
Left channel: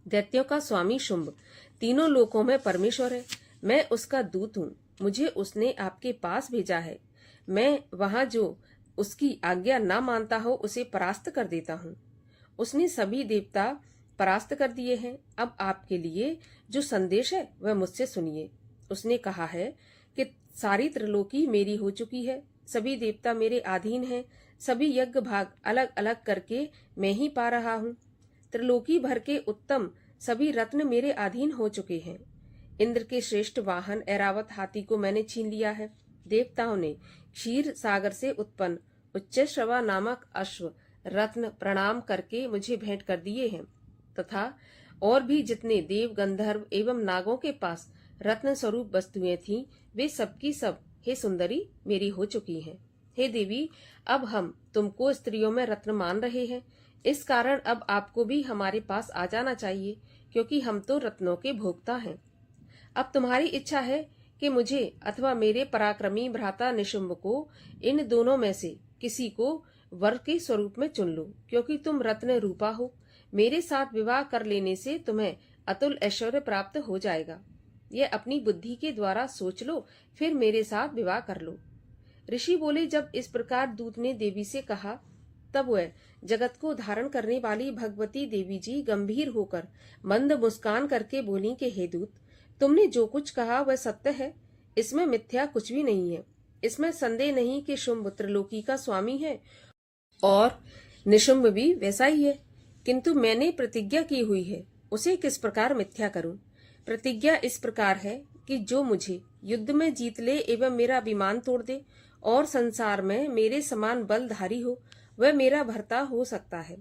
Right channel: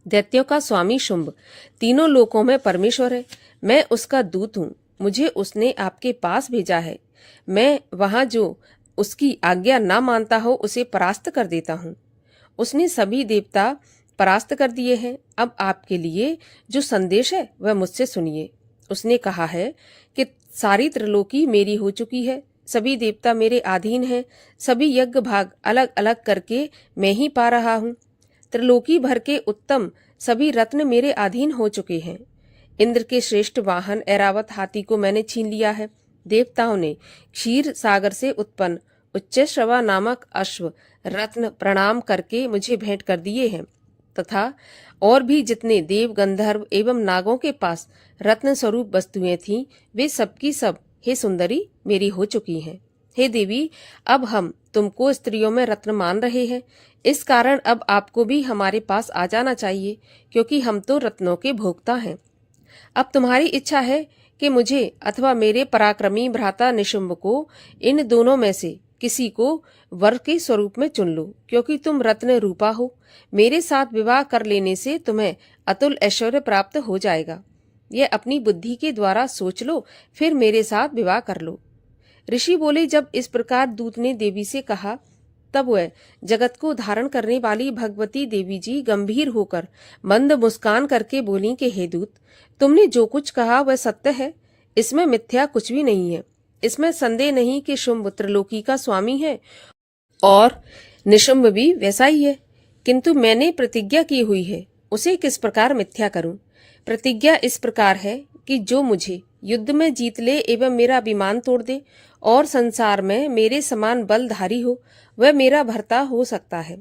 दैत्यों का स्वामी शुंभ तीनों लोकों में परमेश्वर है। मैं उसका दूत हूँ। मुझे उसने आपके पास भेजा है। मैं वहां जो उसकी आज्ञा ना मानता हो उसे परास्त कर देता हूँ। उसने सभी देवता परास्त कर दिए हैं। अब आपके लिए जो संदेश है वह मुझसे सुनिए। उसने कहा है कि सारी त्रिलोकी मेरी हो चुकी है, सभी देवता मेरे अधीन हैं, सभी यज्ञ भाग अलग अलग करके मैं ही पा रहा हूँ। त्रिलोकी भर के उत्तम सभी रत्न मेरे अधीन हो चुके हैं। इंद्र के श्रेष्ठ वाहन ऐरावत हाथी को मैंने छीन लिया है। देवताओं ने क्षीर सागर से उत्पन्न उच्चश्रवा नामक अश्व रत्न प्रणाम करके मुझे भेंट कर दिए हैं, तथा और भी जितने देव गंधर्व एवं नागों के पास रत्न स्वरूप वस्तुएं थीं, वे सबकी सब हे सुंदरी मेरी हो चुकी हैं। हे देवी, अब हम तुमको स्त्रियों में रत्न मान रहे हैं। इस कारण अब आपको भी हमारे पास आ जाना चाहिए, क्योंकि हम तो रत्नों के भोक्ता हैं। अब तुम्हारी इच्छा है कि मुझे अथवा मेरे पराक्रमी भ्राता निशुंभ को इन दोनों में से किसी को वर के स्वरूप में चुन लो, क्योंकि तुम रत्न रूपा हो। मेरे साथ विवाह कर लेने से तुम्हें अतुल ऐश्वर्य प्राप्त हो जाएगा। यह अपनी बुद्धि के द्वारा सोच लो, फिर मेरे साथ विवाह कर लो। ऋषि बोले, जब इस प्रकार दूत ने देवी से कहा, तब वह जगत को धारण करने वाली भगवती देवी जी गंभीर होकर मंद मुस्कान करके बोली कि हे दूत, तुमने जो कुछ कहा वह सत्य है। इसमें मिथ्या कुछ भी नहीं है। इसमें संदेह नहीं कि शुंभ त्रिलोकी का स्वामी है और निशुंभ भी वैसा ही है, किंतु मैंने प्रतिज्ञा की हुई है, उसे किस प्रकार मिथ्या करूं। प्रतिज्ञा इस प्रकार है कि जो मुझे युद्ध में जीत ले एवं मेरा अभिमान तोड़ दे और संसार में मेरे समान बलधारी हो, वह मेरा भर्ता हो सकता है।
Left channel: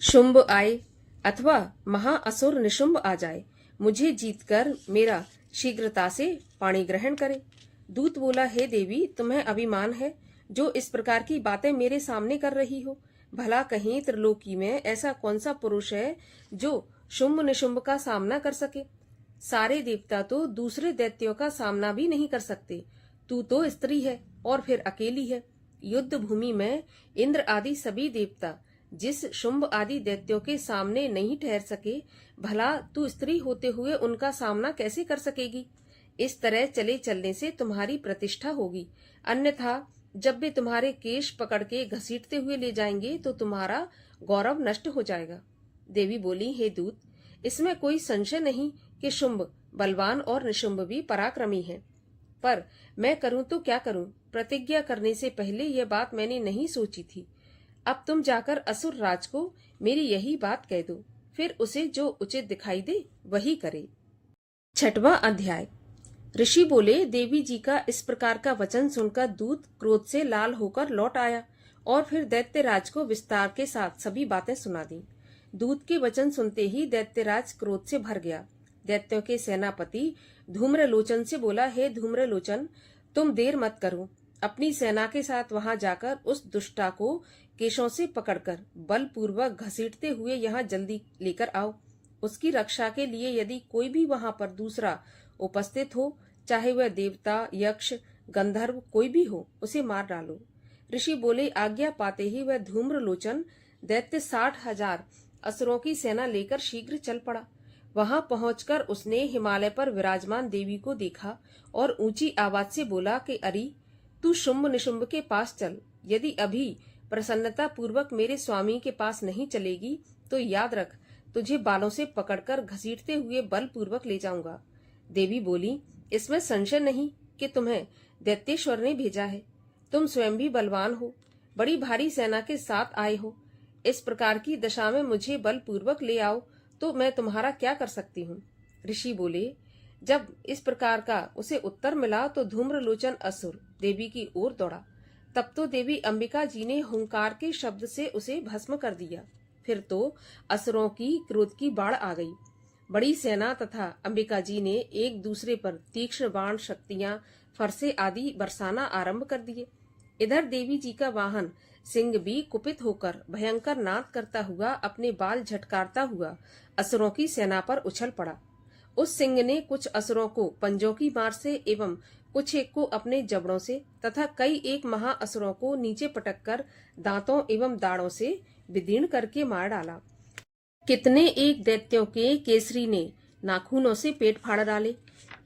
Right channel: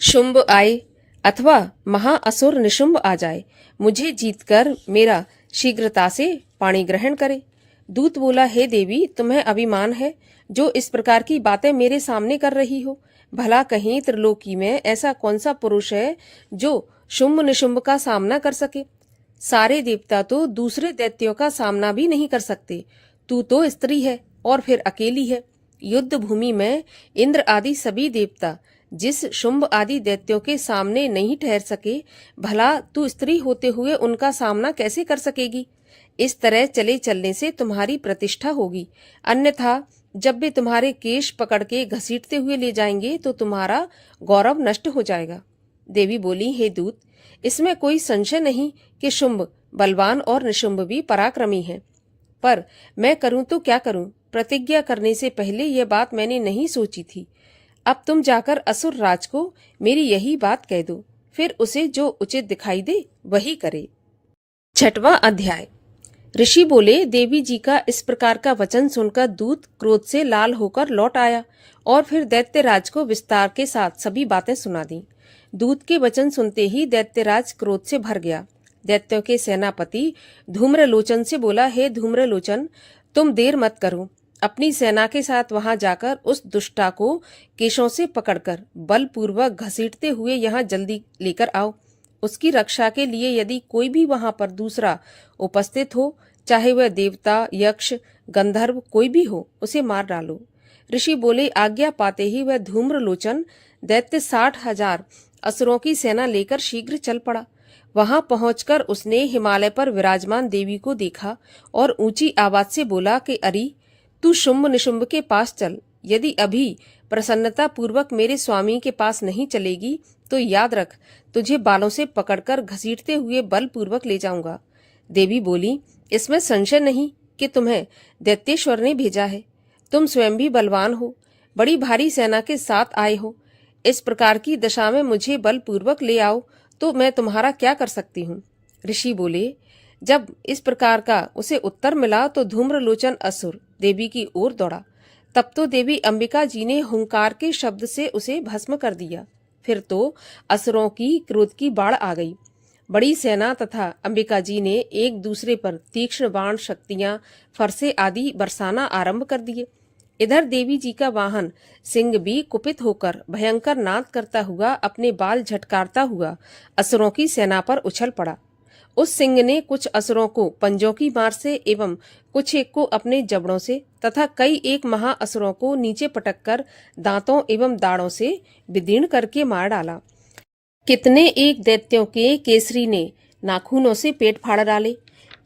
शुंभ आए अथवा महाअसुर निशुंभ आ जाए, मुझे जीतकर मेरा शीघ्रता से पाणी ग्रहण करे। दूत बोला, हे देवी, तुम्हें अभिमान है जो इस प्रकार की बातें मेरे सामने कर रही हो। भला कहीं त्रिलोकी में ऐसा कौन सा पुरुष है जो शुंभ निशुंभ का सामना कर सके। सारे देवता तो दूसरे दैत्यों का सामना भी नहीं कर सकते। तू तो स्त्री है और फिर अकेली है। युद्ध भूमि में इंद्र आदि सभी देवता जिस शुंभ आदि दैत्यों के सामने नहीं ठहर सके, भला तू स्त्री होते हुए उनका सामना कैसे कर सकेगी। इस तरह चले चलने से तुम्हारी प्रतिष्ठा होगी, अन्यथा जब वे तुम्हारे केश पकड़ के घसीटते हुए ले जाएंगे तो तुम्हारा गौरव नष्ट हो जाएगा। देवी बोली, हे दूत, इसमें कोई संशय नहीं कि शुंभ बलवान और निशुंभ भी पराक्रमी हैं। पर मैं करूं तो क्या करूं? प्रतिज्ञा करने से पहले यह बात मैंने नहीं सोची थी। अब तुम जाकर असुर राज को मेरी यही बात कह दो, फिर उसे जो उचित दिखाई दे वही करे। 6वां अध्याय। ऋषि बोले, देवी जी का इस प्रकार का वचन सुनकर दूत क्रोध से लाल होकर लौट आया और फिर दैत्यराज को विस्तार के साथ सभी बातें सुना दी। दूत के वचन सुनते ही दैत्यराज क्रोध से भर गया। दैत्यों के सेनापति धूम्रलोचन से बोला, हे धूम्रलोचन, तुम देर मत करो। अपनी सेना के साथ वहां जाकर उस दुष्टा को केशों से पकड़कर बलपूर्वक घसीटते हुए यहाँ जल्दी लेकर आओ। उसकी रक्षा के लिए यदि कोई भी वहां पर दूसरा उपस्थित हो, चाहे वह देवता, यक्ष, गंधर्व कोई भी हो, उसे मार डालो। ऋषि बोले, आज्ञा पाते ही वह धूम्रलोचन दैत्य 60,000 असुरों की सेना लेकर शीघ्र चल पड़ा। वहां पहुंचकर उसने हिमालय पर विराजमान देवी को देखा और ऊंची आवाज से बोला कि अरे, तू शुंभ निशुंभ के पास चल। यदि अभी प्रसन्नता पूर्वक मेरे स्वामी के पास नहीं चलेगी तो याद रख, तुझे बालों से पकड़कर घसीटते हुए बलपूर्वक ले जाऊंगा। देवी बोली, इसमें संशय नहीं कि तुम्हें दैत्येश्वर ने भेजा है। तुम स्वयं भी बलवान हो, बड़ी भारी सेना के साथ आए हो। इस प्रकार की दशा में मुझे बलपूर्वक ले आओ तो मैं तुम्हारा क्या कर सकती हूँ? ऋषि बोले, जब इस प्रकार का उसे उत्तर मिला तो धूम्रलोचन असुर देवी की ओर दौड़ा। तब तो देवी अंबिका जी ने हुंकार के शब्द से उसे भस्म कर दिया। फिर तो असुरों की क्रोध की बाढ़ आ गई। बड़ी सेना तथा अंबिका जी ने एक दूसरे पर तीक्ष्ण बाण, शक्तियां, फरसे आदि बरसाना आरंभ कर दिए। इधर देवी जी का वाहन सिंह भी कुपित होकर भयंकर नाद करता हुआ, अपने बाल झटकारता हुआ असुरों की सेना पर उछल पड़ा। उस सिंह ने कुछ असुरों को पंजों की मार से एवं कुछ एक को अपने जबड़ों से तथा कई एक महाअसुरों को नीचे पटककर दांतों एवं दाढ़ों से विदीर्ण करके मार डाला। कितने एक दैत्यों के केसरी ने नाखूनों से पेट फाड़ डाले।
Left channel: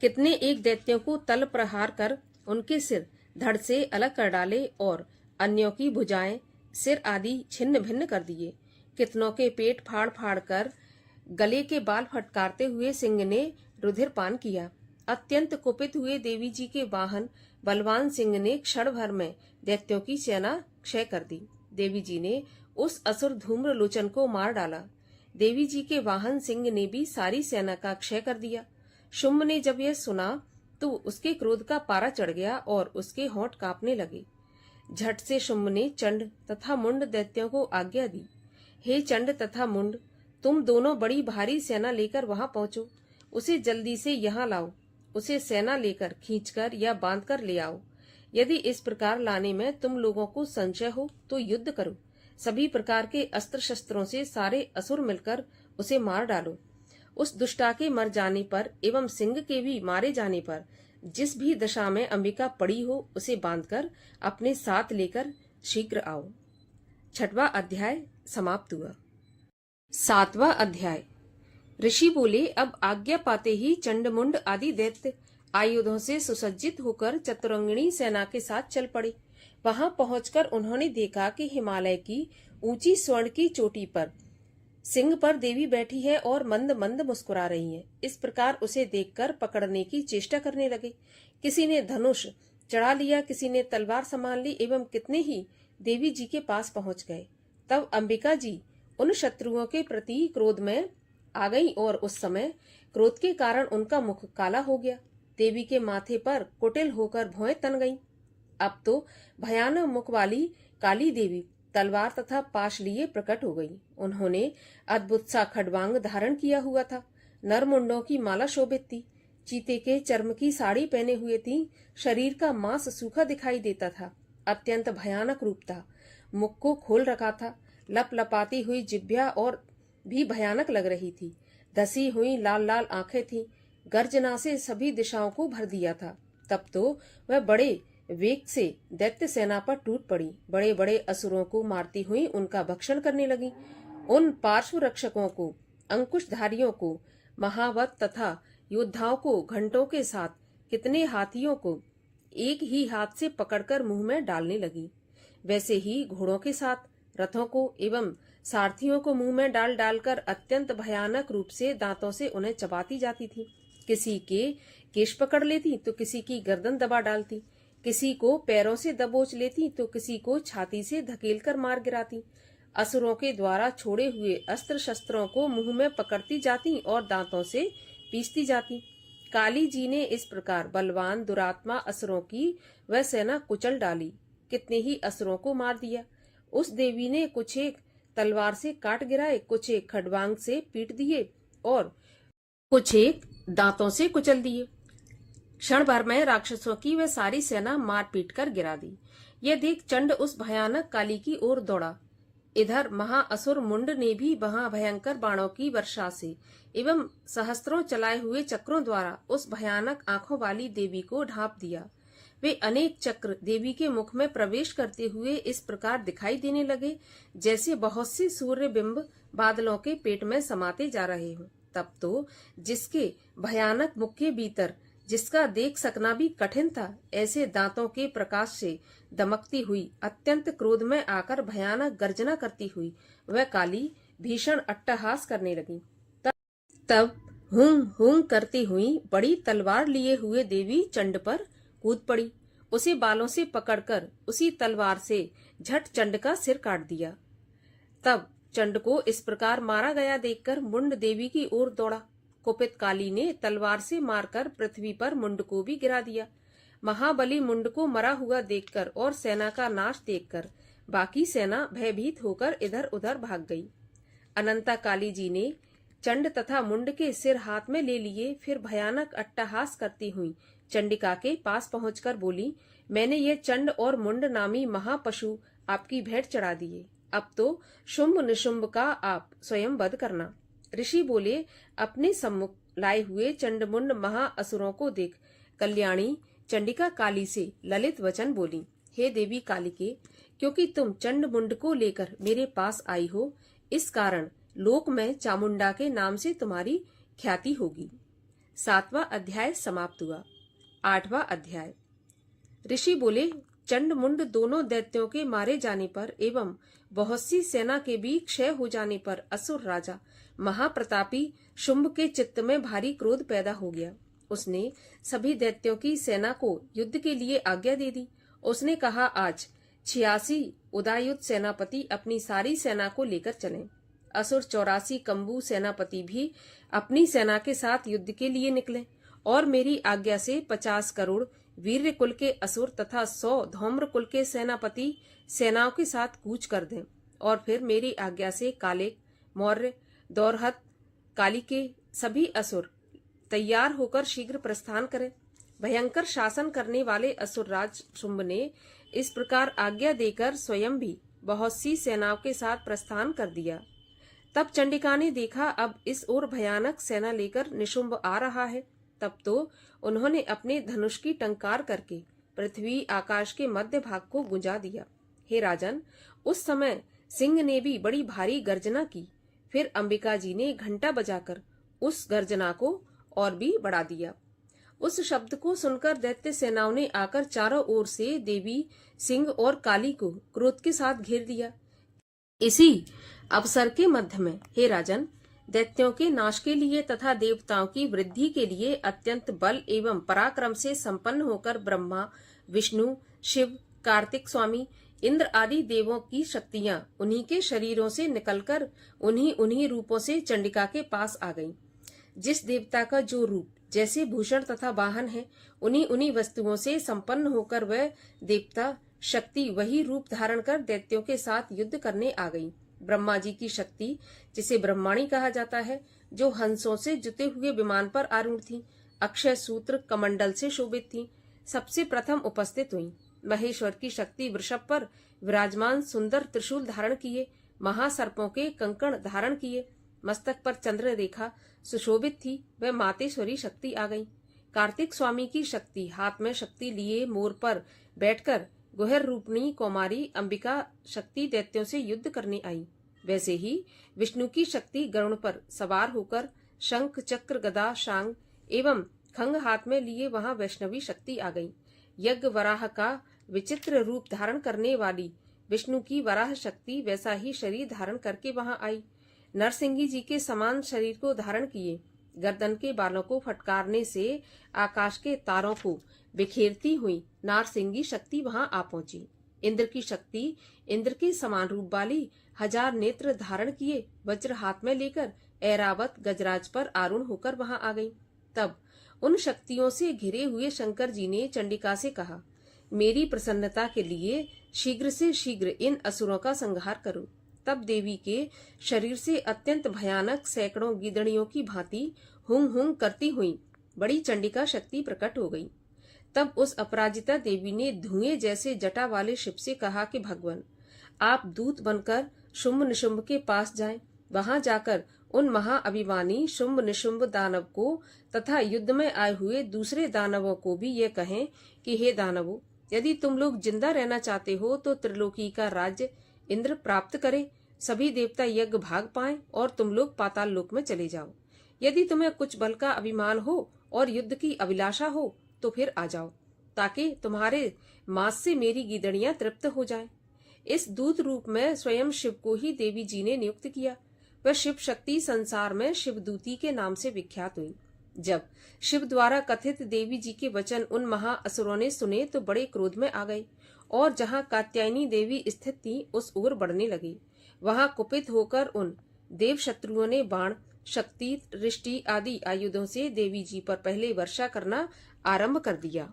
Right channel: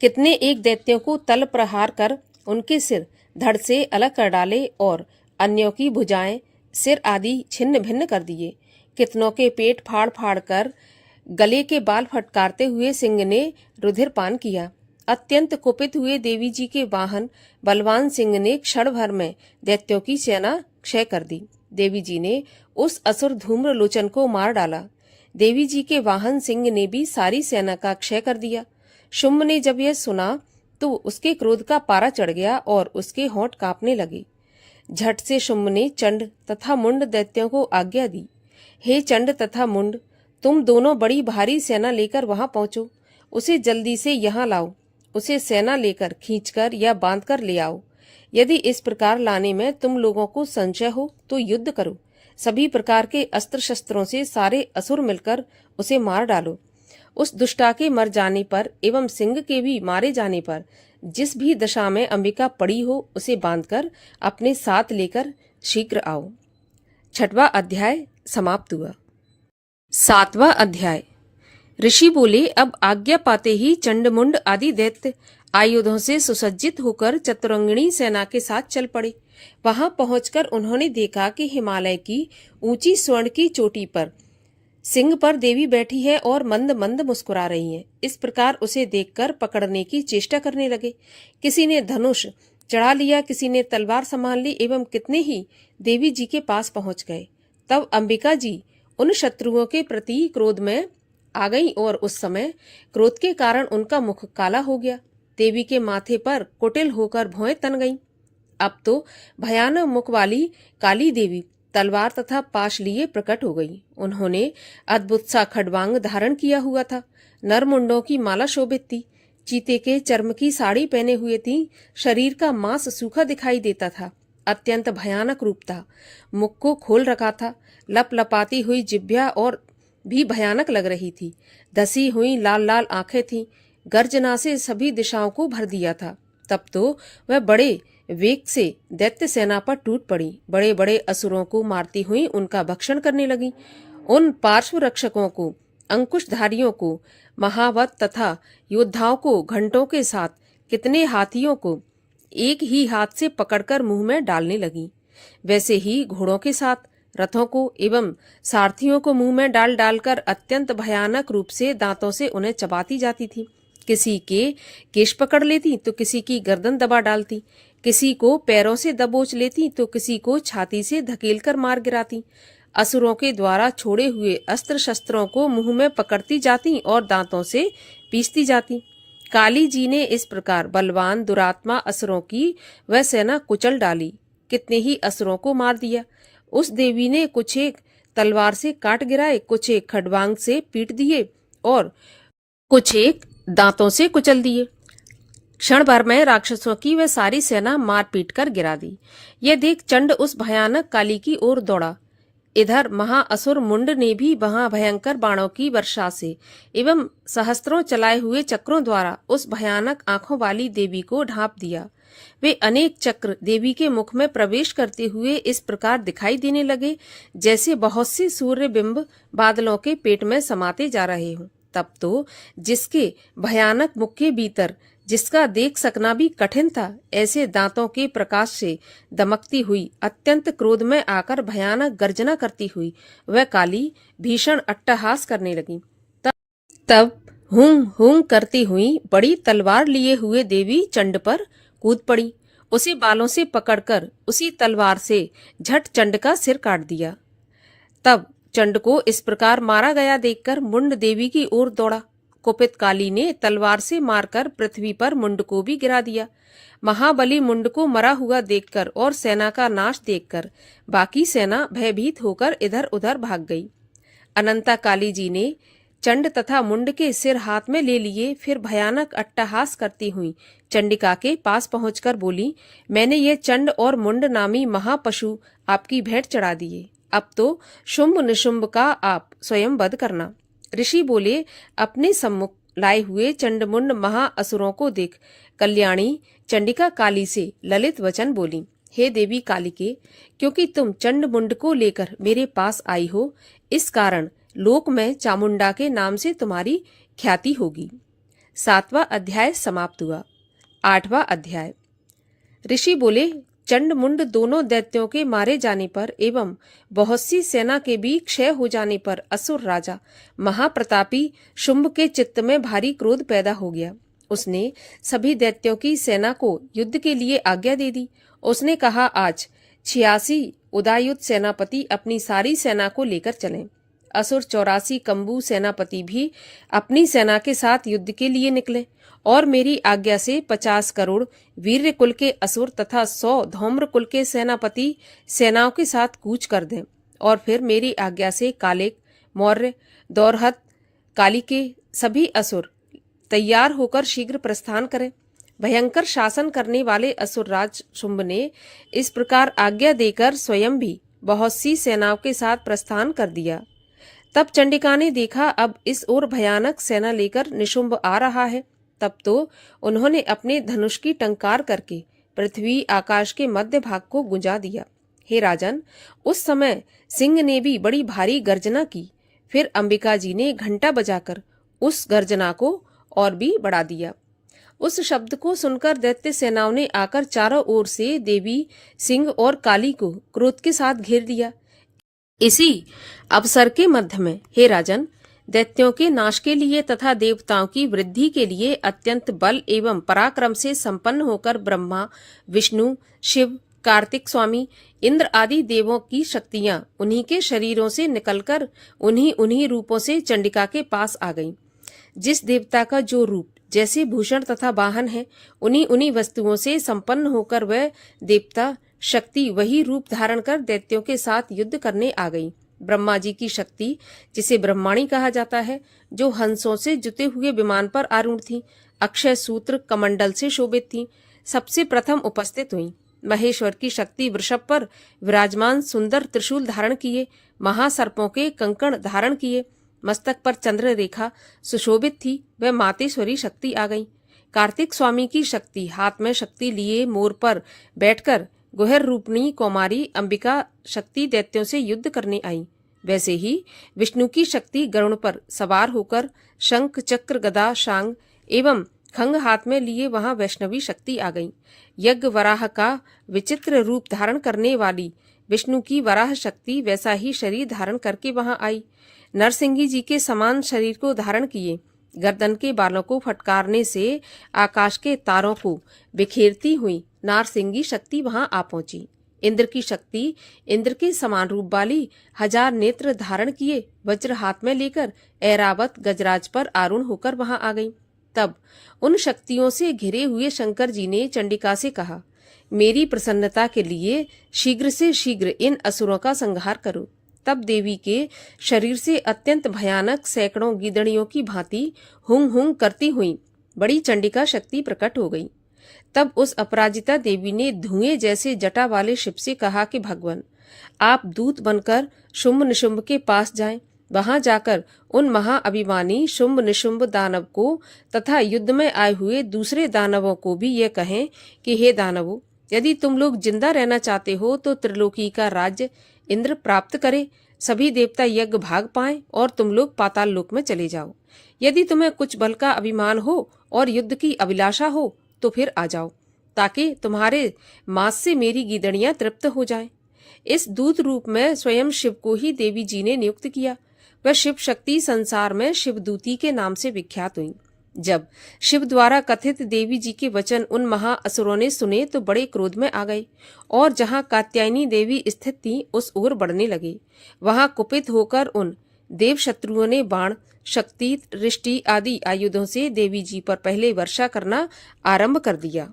कितने एक दैत्यों को तल प्रहार कर उनके सिर धड़ से अलग कर डाले और अन्यों की भुजाएं, सिर आदि छिन्न भिन्न कर दिए। कितनों के पेट फाड़ फाड़ कर गले के बाल फटकारते हुए सिंह ने रुधिर पान किया। अत्यंत कुपित हुए देवी जी के वाहन बलवान सिंह ने क्षण भर में दैत्यों की सेना क्षय कर दी। देवी जी ने उस असुर धूम्रलोचन को मार डाला। देवी जी के वाहन सिंह ने भी सारी सेना का क्षय कर दिया। शुंभ ने जब यह सुना तो उसके क्रोध का पारा चढ़ गया और उसके होंठ कांपने लगे। झट से शुंभ ने चंड तथा मुंड दैत्यों को आज्ञा दी, हे चंड तथा मुंड, तुम दोनों बड़ी भारी सेना लेकर वहां पहुंचो। उसे जल्दी से यहाँ लाओ। उसे सेना लेकर खींचकर या बांधकर ले आओ। यदि इस प्रकार लाने में तुम लोगों को संशय हो तो युद्ध करो। सभी प्रकार के अस्त्र शस्त्रों से सारे असुर मिलकर उसे मार डालो। उस दुष्टा के मर जाने पर एवं सिंह के भी मारे जाने पर जिस भी दशा में अंबिका पड़ी हो, उसे बांधकर अपने साथ लेकर शीघ्र आओ। 6वां अध्याय समाप्त हुआ। 7वां अध्याय। ऋषि बोले, अब आज्ञा पाते ही चंडमुंड आदि दैत्य आयुधों से सुसज्जित होकर चतुरंगिणी सेना के साथ चल पड़े। वहां पहुंचकर उन्होंने देखा कि हिमालय की ऊंची स्वर्ण की चोटी पर सिंह पर देवी बैठी है और मंद मंद मुस्कुरा रही है। इस प्रकार उसे देखकर पकड़ने की चेष्टा करने लगे। किसी ने धनुष चढ़ा लिया, किसी ने तलवार संभाल ली एवं कितने ही देवी जी के पास पहुंच गए। तब अंबिका जी उन शत्रुओं के प्रति क्रोध में आ गई और उस समय क्रोध के कारण उनका मुख काला हो गया। देवी के माथे पर कुटिल होकर भौएं तन गईं। अब तो भयानक मुख वाली काली देवी तलवार तथा पाश लिए प्रकट हो गई। उन्होंने अद्भुत सा खड्वांग धारण किया हुआ था। नरमुंडों की माला शोभित थी। चीते के चर्म की साड़ी पहने हुए थी। शरीर का मांस सूखा दिखाई देता था। अत्यंत भयानक रूप था। मुख को खोल रखा था। लप लपाती हुई जिह्वा और भी भयानक लग रही थी। धसी हुई लाल लाल आंखें थीं। गर्जना से सभी दिशाओं को भर दिया था। तब तो वह बड़े वेग से दैत्य सेना पर टूट पड़ी। बड़े बड़े असुरों को मारती हुई उनका भक्षण करने लगी। उन पार्श्व रक्षकों को, अंकुशधारियों को, महावत तथा योद्धाओं को घंटों के साथ कितने हाथियों को एक ही हाथ से पकड़कर मुंह में डालने लगी। वैसे ही घोड़ों के साथ रथों को एवं सारथियों को मुंह में डाल डालकर अत्यंत भयानक रूप से दांतों से उन्हें चबाती जाती थी। किसी के केश पकड़ लेती तो किसी की गर्दन दबा डालती, किसी को पैरों से दबोच लेती तो किसी को छाती से धकेलकर मार गिराती। असुरों के द्वारा छोड़े हुए अस्त्र शस्त्रों को मुंह में पकड़ती जाती और दांतों से पीसती जाती। काली जी ने इस प्रकार बलवान दुरात्मा असुरों की वह सेना कुचल डाली, कितने ही असुरों को मार दिया। उस देवी ने कुछ एक तलवार से काट गिराए, कुछ एक खड़बांग से पीट दिए और कुछ एक दांतों से कुचल दिए। क्षण भर में राक्षसों की वह सारी सेना मार पीट कर गिरा दी। यह देख चंड उस भयानक काली की ओर दौड़ा। इधर महाअसुर मुंड ने भी वहां भयंकर बाणों की वर्षा से एवं सहस्त्रों चलाए हुए चक्रों द्वारा उस भयानक आंखों वाली देवी को ढांप दिया। वे अनेक चक्र देवी के मुख में प्रवेश करते हुए इस प्रकार दिखाई देने लगे जैसे बहुत से सूर्य बिंब बादलों के पेट में समाते जा रहे हों। तब तो जिसके भयानक मुख के भीतर जिसका देख सकना भी कठिन था, ऐसे दांतों के प्रकाश से दमकती हुई अत्यंत क्रोध में आकर भयानक गर्जना करती हुई वह काली भीषण अट्टहास करने लगी। तब हूं हूं करती हुई बड़ी तलवार लिए हुए देवी चंड पर कूद पड़ी। उसी बालों से पकड़कर उसी तलवार से झट चंड का सिर काट दिया। तब चंड को इस प्रकार मारा गया देखकर मुंड देवी की ओर दौड़ा। कुपित काली ने तलवार से मारकर पृथ्वी पर मुंड को भी गिरा दिया। महाबली मुंड को मरा हुआ देखकर और सेना का नाश देखकर बाकी सेना भयभीत होकर इधर उधर भाग गई। अनंता काली जी ने चंड तथा मुंड के सिर हाथ में ले लिए, फिर भयानक अट्टहास करती हुई चंडिका के पास पहुंचकर बोली, मैंने ये चंड और मुंड नामी महापशु आपकी भेंट चढ़ा दिए। अब तो शुंभ निशुंभ का आप स्वयं वध करना। ऋषि बोले, अपने सम्मुख लाए हुए चंडमुंड महाअसुरों को देख कल्याणी चंडिका काली से ललित वचन बोली, हे देवी कालिके, क्योंकि तुम चंडमुंड को लेकर मेरे पास आई हो, इस कारण लोक में चामुंडा के नाम से तुम्हारी ख्याति होगी। 7वां अध्याय समाप्त हुआ। 8वां अध्याय। ऋषि बोले, चंड मुंड दोनों दैत्यों के मारे जाने पर एवं बहुत सी सेना के भी क्षय हो जाने पर असुर राजा महाप्रतापी शुंभ के चित्त में भारी क्रोध पैदा हो गया। उसने सभी दैत्यों की सेना को युद्ध के लिए आज्ञा दे दी। उसने कहा, आज 86 उदायुध सेनापति अपनी सारी सेना को लेकर चलें। असुर 84 कंबू सेनापति भी अपनी सेना के साथ युद्ध के लिए निकले और मेरी आज्ञा से 50 करोड़ वीर्य कुल के असुर तथा 100 धौम्र कुल के सेनापति सेनाओं के साथ कूच कर दें और फिर मेरी आज्ञा से कालिक, मौर्य, दौरहत, काली के सभी असुर तैयार होकर शीघ्र प्रस्थान करें। भयंकर शासन करने वाले असुर राज शुंभ ने इस प्रकार आज्ञा देकर स्वयं भी बहुत सी सेनाओं के साथ प्रस्थान कर दिया। तब चंडिका ने देखा, अब इस ओर भयानक सेना लेकर निशुंभ आ रहा है। तब तो उन्होंने अपने धनुष की टंकार करके पृथ्वी आकाश के मध्य भाग को गुंजा दिया। हे राजन, उस समय सिंह ने भी बड़ी भारी गर्जना की। फिर अंबिका जी ने घंटा बजाकर उस गर्जना को और भी बढ़ा दिया। उस शब्द को सुनकर दैत्य सेनाओं ने आकर चारों ओर से देवी, सिंह और काली को क्रोध के साथ घेर दिया। इसी अवसर के मध्य में, हे राजन, दैत्यों के नाश के लिए तथा देवताओं की वृद्धि के लिए अत्यंत बल एवं पराक्रम से संपन्न होकर ब्रह्मा, विष्णु, शिव, कार्तिक स्वामी, इंद्र आदि देवों की शक्तियां उन्हीं के शरीरों से निकलकर उन्हीं रूपों से चंडिका के पास आ गईं। जिस देवता का जो रूप जैसे भूषण तथा वाहन है, उन्हीं वस्तुओं से संपन्न होकर वह देवता शक्ति वही रूप धारण कर दैत्यों के साथ युद्ध करने आ गई। ब्रह्मा जी की शक्ति, जिसे ब्रह्माणी कहा जाता है, जो हंसों से जुते हुए विमान पर आरूढ़ थी, अक्षय सूत्र कमंडल से शोभित थी, सबसे प्रथम उपस्थित हुई। महेश्वर की शक्ति वृषभ पर विराजमान सुंदर त्रिशूल धारण किए, महासर्पों के कंकण धारण किए, मस्तक पर चंद्र रेखा सुशोभित थी, वह मातेश्वरी शक्ति आ गई। कार्तिक स्वामी की शक्ति हाथ में शक्ति लिए मोर पर बैठकर गुहर रूपणी कौमारी अंबिका शक्ति दैत्यों से युद्ध करने आई। वैसे ही विष्णु की शक्ति गरुड़ पर सवार होकर शंख, चक्र, गदा, शांग एवं खंग हाथ में लिए वहां वैष्णवी शक्ति आ गई। यज्ञ वराह का विचित्र रूप धारण करने वाली विष्णु की वराह शक्ति वैसा ही शरीर धारण करके वहां आई। नरसिंह जी के समान शरीर को धारण किए गर्दन के बालों को फटकारने से आकाश के तारों को बिखेरती हुई नारसिंगी शक्ति वहां आ पहुंची। इंद्र की शक्ति इंद्र के समान रूप वाली 1000 नेत्र धारण किए वज्र हाथ में लेकर ऐरावत गजराज पर आरूढ़ होकर वहां आ गई। तब उन शक्तियों से घिरे हुए शंकर जी ने चंडिका से कहा, मेरी प्रसन्नता के लिए शीघ्र से शीघ्र इन असुरों का संहार करो। तब देवी के शरीर से अत्यंत भयानक सैकड़ों गीदड़ियों की भांति हुंग हुंग करती हुई बड़ी चंडिका शक्ति प्रकट हो गई। तब उस अपराजिता देवी ने धुएं जैसे जटा वाले शिव से कहा कि भगवान, आप दूत बनकर शुंभ निशुंभ के पास जाएं। वहां जाकर उन महाअभिमानी शुंभ निशुंभ दानव को तथा युद्ध में आए हुए दूसरे दानवों को भी यह कहें कि हे दानवों, यदि तुम लोग जिंदा रहना चाहते हो तो त्रिलोकी का राज्य इंद्र प्राप्त करे, सभी देवता यज्ञ भाग पाएं और तुम लोग पाताल लोक में चले जाओ। यदि तुम्हें कुछ बल का अभिमान हो और युद्ध की अभिलाषा हो तो फिर आ जाओ, ताकि तुम्हारे मांस से मेरी गीदड़ियां तृप्त हो जाएं। इस दूत रूप में स्वयं शिव को ही देवी जी ने नियुक्त किया। वह शिव शक्ति संसार में शिवदूती के नाम से विख्यात हुई। जब शिव द्वारा कथित देवी जी के वचन उन महाअसुरों ने सुने तो बड़े क्रोध में आ गए और जहां कात्यायनी देवी स्थित थी उस ओर बढ़ने लगे। वहां कुपित होकर उन देव शत्रुओं ने बाण, शक्ति, दृष्टि आदि आयुधों से देवी जी पर पहले वर्षा करना आरंभ कर दिया।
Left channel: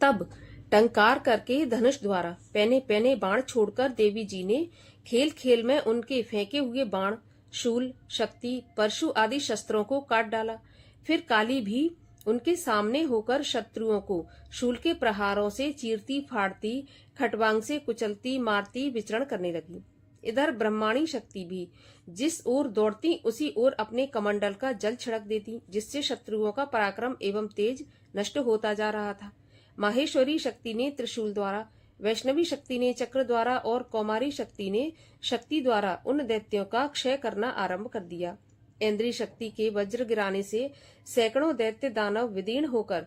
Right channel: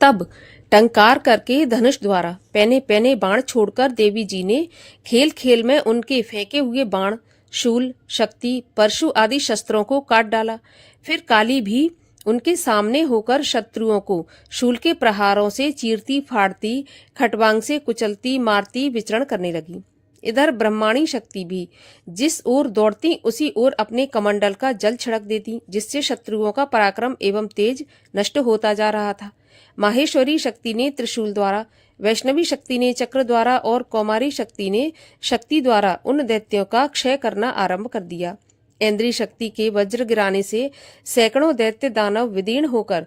तब टंकार करके धनुष द्वारा पैने पैने बाण छोड़कर देवी जी ने खेल खेल में उनके फेंके हुए बाण, शूल, शक्ति, परशु आदि शस्त्रों को काट डाला। फिर काली भी उनके सामने होकर शत्रुओं को शूल के प्रहारों से चीरती फाड़ती, खटवांग से कुचलती मारती विचरण करने लगी। इधर ब्रह्माणी शक्ति भी जिस ओर दौड़ती उसी ओर अपने कमंडल का जल छिड़क देती, जिससे शत्रुओं का पराक्रम एवं तेज नष्ट होता जा रहा था। माहेश्वरी शक्ति ने त्रिशूल द्वारा, वैष्णवी शक्ति ने चक्र द्वारा और कौमारी शक्ति ने शक्ति द्वारा उन दैत्यों का क्षय करना आरंभ कर दिया। इंद्री शक्ति के वज्र गिराने से सैकड़ों दैत्य दानव विदीर्ण होकर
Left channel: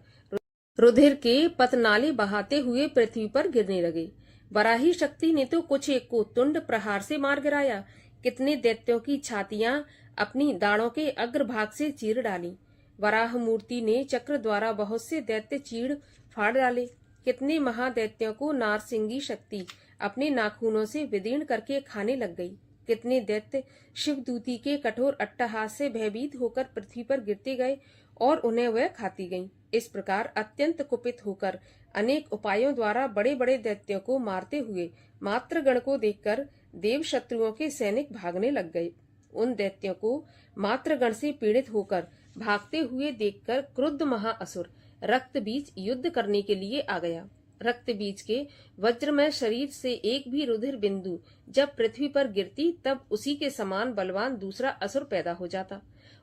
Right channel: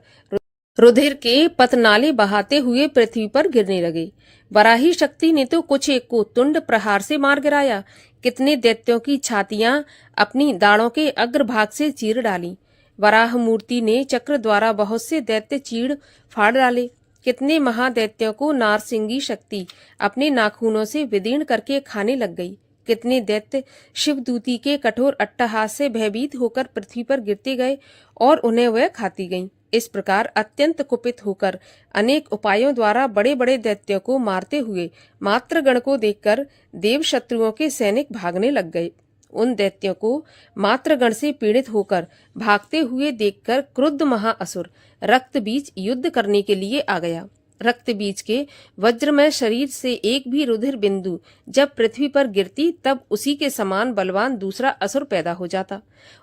रुधिर के पतनाले बहाते हुए पृथ्वी पर गिरने लगे। वराही शक्ति ने तो कुछ एक को तुंड प्रहार से मार गिराया। कितने दैत्यों की छातियां अपनी दाढ़ों के अग्रभाग से चीर डाली। वराह मूर्ति ने चक्र द्वारा बहुत से दैत्य चीड़ फाड़ डाले। कितने महादैत्यों को नारसिंगी शक्ति अपने नाखूनों से विदीर्ण करके खाने लग गई। कितने दैत्य शिवदूती के कठोर अट्टहास से भयभीत होकर पृथ्वी पर गिरते गए और उन्हें वह खाती गईं। इस प्रकार अत्यंत कुपित होकर अनेक उपायों द्वारा बड़े बड़े दैत्यों को मारते हुए मात्रगण को देखकर देव शत्रुओं के सैनिक भागने लग गए। उन दैत्यों को मात्रगण से पीड़ित होकर भागते हुए देखकर क्रुद्ध महाअसुर रक्तबीज युद्ध करने के लिए आ गया। रक्तबीज के वज्रमय शरीर से एक भी रुधिर बिंदु जब पृथ्वी पर गिरती तब उसी के समान बलवान दूसरा असुर पैदा हो जाता।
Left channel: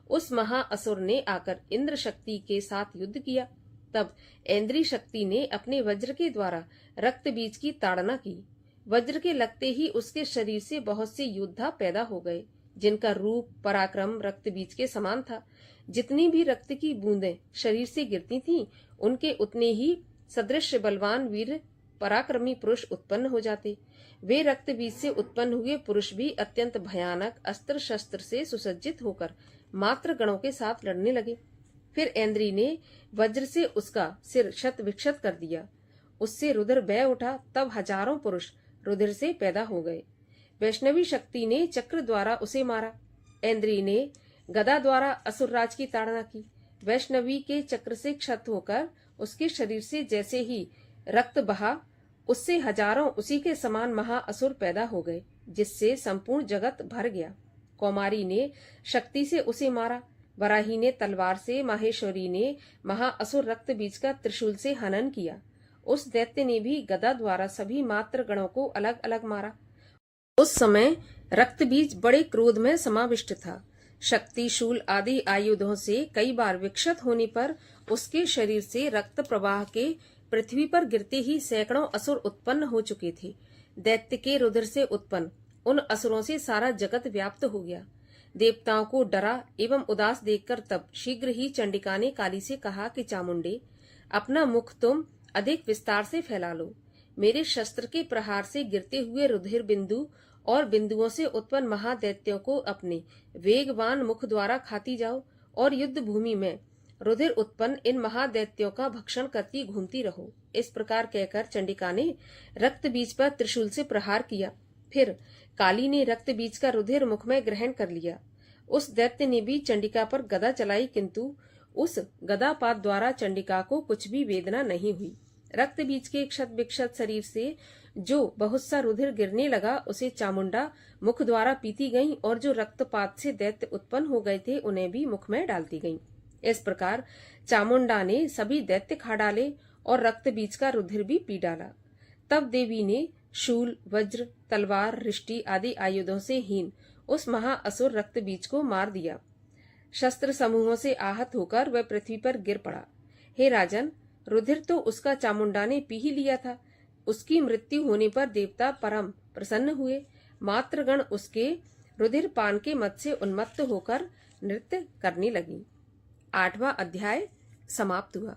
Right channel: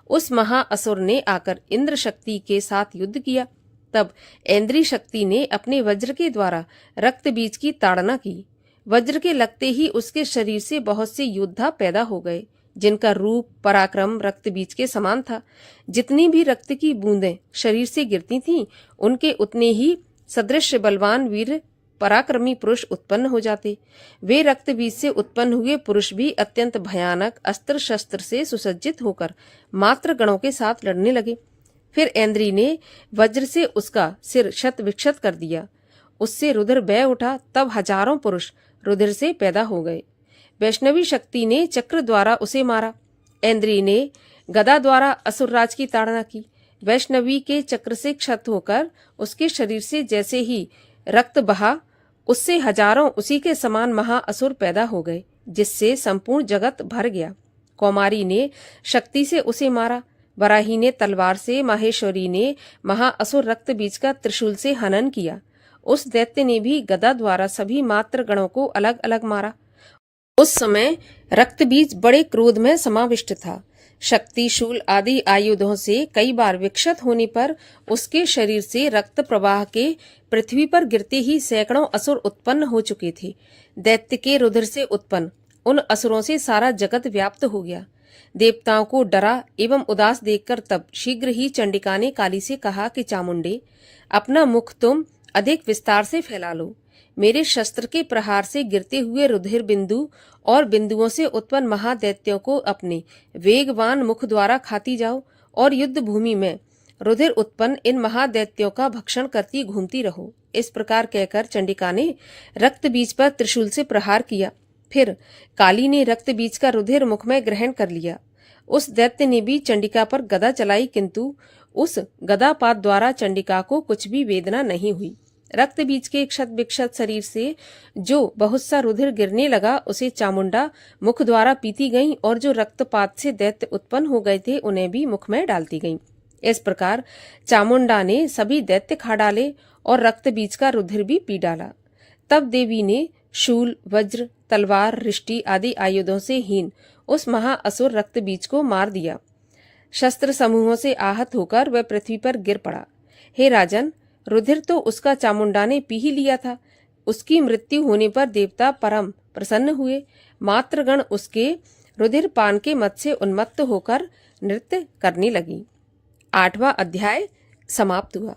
उस महाअसुर ने आकर इंद्र शक्ति के साथ युद्ध किया। तब ऐन्द्री शक्ति ने अपने वज्र के द्वारा रक्तबीज की ताड़ना की। वज्र के लगते ही उसके शरीर से बहुत से योद्धा पैदा हो गए, जिनका रूप पराक्रम रक्तबीज के समान था। जितनी भी रक्त की बूंदें शरीर से गिरती थीं, उनके उतने ही सदृश बलवान वीर पराक्रमी पुरुष उत्पन्न हो जाते। वे रक्तबीज से उत्पन्न हुए पुरुष भी अत्यंत भयानक अस्त्र शस्त्र से सुसज्जित होकर मात्र गणों के साथ लड़ने लगे। फिर ऐन्द्री ने वज्र से उसका सिर शत विक्षत कर दिया। उससे रुधिर बह उठा। तब हजारों पुरुष रुधिर से पैदा हो गए। वैष्णवी शक्ति ने चक्र द्वारा उसे मारा। ऐन्द्री ने गदा द्वारा असुरराज की ताड़ना की। वैष्णवी के चक्र से क्षत होकर उसके शरीर से जैसे ही रक्त बहा, उससे हजारों उसी के समान महाअसुर पैदा हो गए, जिससे संपूर्ण जगत भर गया। कौमारी ने शक्ति से उसे मारा। वराही ने तलवार से, माहेश्वरी ने महाअसुर रक्तबीज का त्रिशूल से हनन किया। उस दैत्य ने भी गदा द्वारा सभी मात्र गणों को अलग अलग मारा। उस समय रक्तबीज बड़े क्रोध में समाविष्ट था। शक्ति, शूल आदि आयुधों से कई बार विक्षत होने पर उसके शरीर से रक्त प्रवाह के पृथ्वी पर गिरते ही सैकड़ों असुर उत्पन्न हो चुके थे। दैत्य के रुधिर से उत्पन्न उन असुरों से सारा जगत व्याप्त हो गया। देवताओं को डरा एवं उदास देखकर तब शीघ्र ही चंडिका ने काली से कहा कि चामुंडे, अपना मुख तुम अधिक विस्तार से फैला लो। मेरे शस्त्र के प्रहार से गिरते हुए रुधिर बिंदु और बिंदुओं से उत्पन्न महादैत्यों को अपने वेगवान मुख द्वारा खाती जाओ और युद्ध भूमि में रुधिर उत्पन्न इन महादैत्यों का भक्षण करती घूमती रहो। इस प्रकार कहकर चंडिका ने रक्त बीज पर त्रिशूल से प्रहार किया। फिर काली ने रक्त बीज का रुधिर मुख में ग्रहण कर लिया। उस दैत्य ने भी चंडिका पर गदा चलाई, किंतु उस गदापात द्वारा चंडिका को कुछ भी वेदना नहीं हुई। रक्त बीज के क्षत विक्षत शरीर से जो बहुत सा रुधिर गिरने लगा उसे चामुंडा मुख द्वारा पीती गईं, और जो रक्तपात से दैत्य उत्पन्न हो गए थे उन्हें भी मुख में डालती गईं। इस प्रकार चामुंडा ने सभी दैत्य खा डाले और रक्त बीज का रुधिर भी पी डाला। तब देवी ने शूल, वज्र, तलवार, रिष्टि आदि आयुधों से हीन उस महाअसुर रक्त बीज को मार दिया। शस्त्र समूहों से आहत होकर वह पृथ्वी पर गिर पड़ा। हे राजन, रुधिर तो उसका चामुंडा ने पी ही लिया था। उसकी मृत्यु होने पर देवता परम प्रसन्न हुए। मात्रगण उसके रुधिर पान के मत से उन्मत्त होकर नृत्य करने लगी। 8वां अध्याय समाप्त हुआ।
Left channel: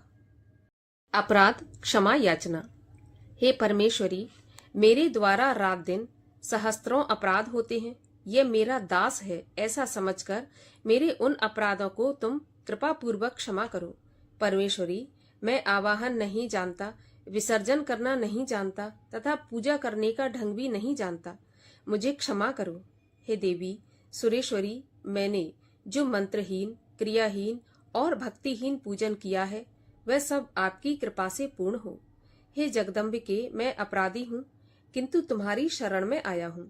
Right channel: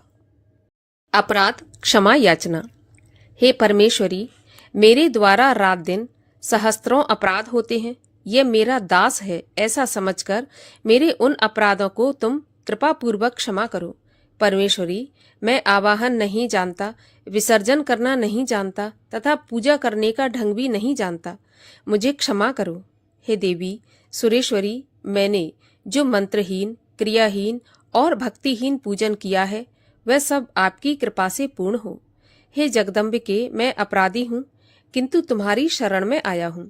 अपराध क्षमा याचना। हे परमेश्वरी, मेरे द्वारा रात दिन सहस्त्रों अपराध होते हैं। यह मेरा दास है ऐसा समझकर मेरे उन अपराधों को तुम कृपा पूर्वक क्षमा करो। परमेश्वरी, मैं आवाहन नहीं जानता, विसर्जन करना नहीं जानता तथा पूजा करने का ढंग भी नहीं जानता। मुझे क्षमा करो। हे देवी सुरेश्वरी, मैंने जो मंत्रहीन, क्रियाहीन और भक्तिहीन पूजन किया है वह सब आपकी कृपा से पूर्ण हो। हे जगदम्बिके, मैं अपराधी हूँ, किंतु तुम्हारी शरण में आया हूँ।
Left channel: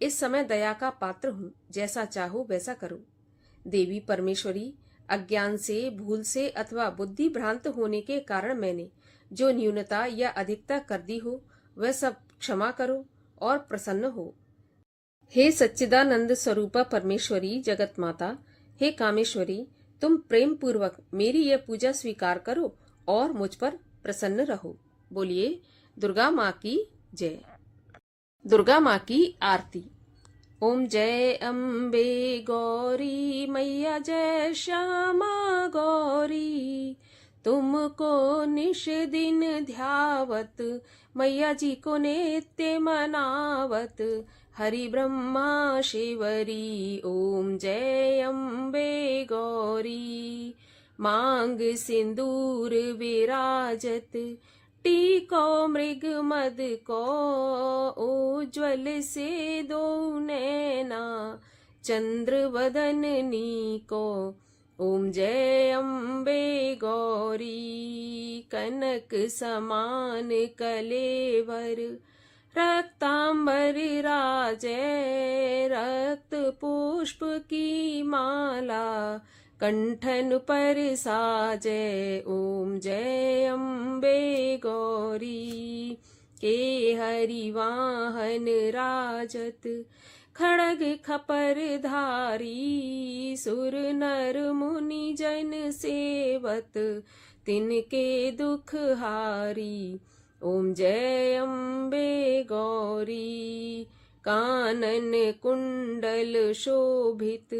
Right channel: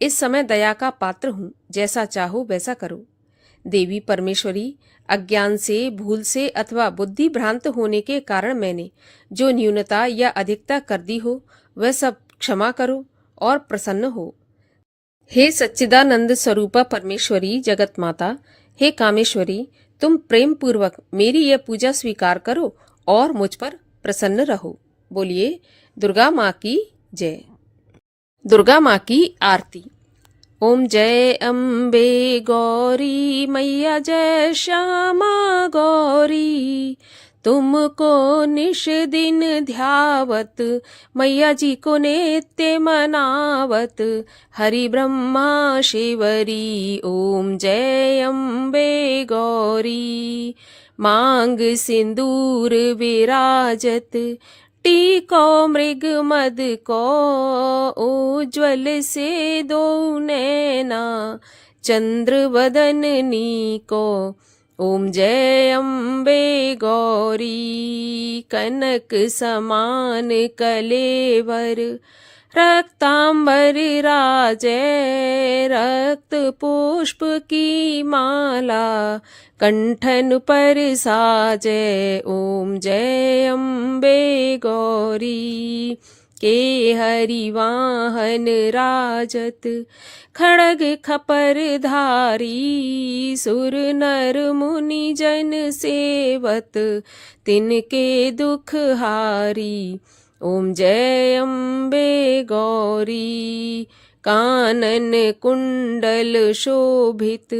इस समय दया का पात्र हूँ, जैसा चाहो वैसा करो। देवी परमेश्वरी, अज्ञान से, भूल से अथवा बुद्धि भ्रांत होने के कारण मैंने जो न्यूनता या अधिकता कर दी हो वह सब क्षमा करो और प्रसन्न हो। हे सच्चिदानंद स्वरूपा परमेश्वरी जगत माता, हे कामेश्वरी, तुम प्रेम पूर्वक मेरी यह पूजा स्वीकार करो और मुझ पर प्रसन्न रहो। बोलिए दुर्गा माँ की जय। दुर्गा माँ की आरती। ओम जय अम्बे गौरी मैया, जय श्यामा गौरी। तुमको निश दिन ध्यावत, मैया जी को नित्य मनावत, हरि ब्रह्मा शिवरी। ओम जय अम्बे गौरी। मांग सिंदूर विराजत, टीको मृग मद को, उज्ज्वल से दो नैना, चंद्र वदननी को। ओम जय अम्बे गौरी। कनक समान कलेवर, रक्तांबर राजै, रक्त पुष्प की माला, कंठन पर साजै। ओम जय अम्बे गौरी। के हरि वाहन राजत, खड़ग खपर धारी, सुर नर मुनि जन सेवत, तिनके दुख हारी। ओम जय अम्बे गौरी। कानन कुंडल शोभित,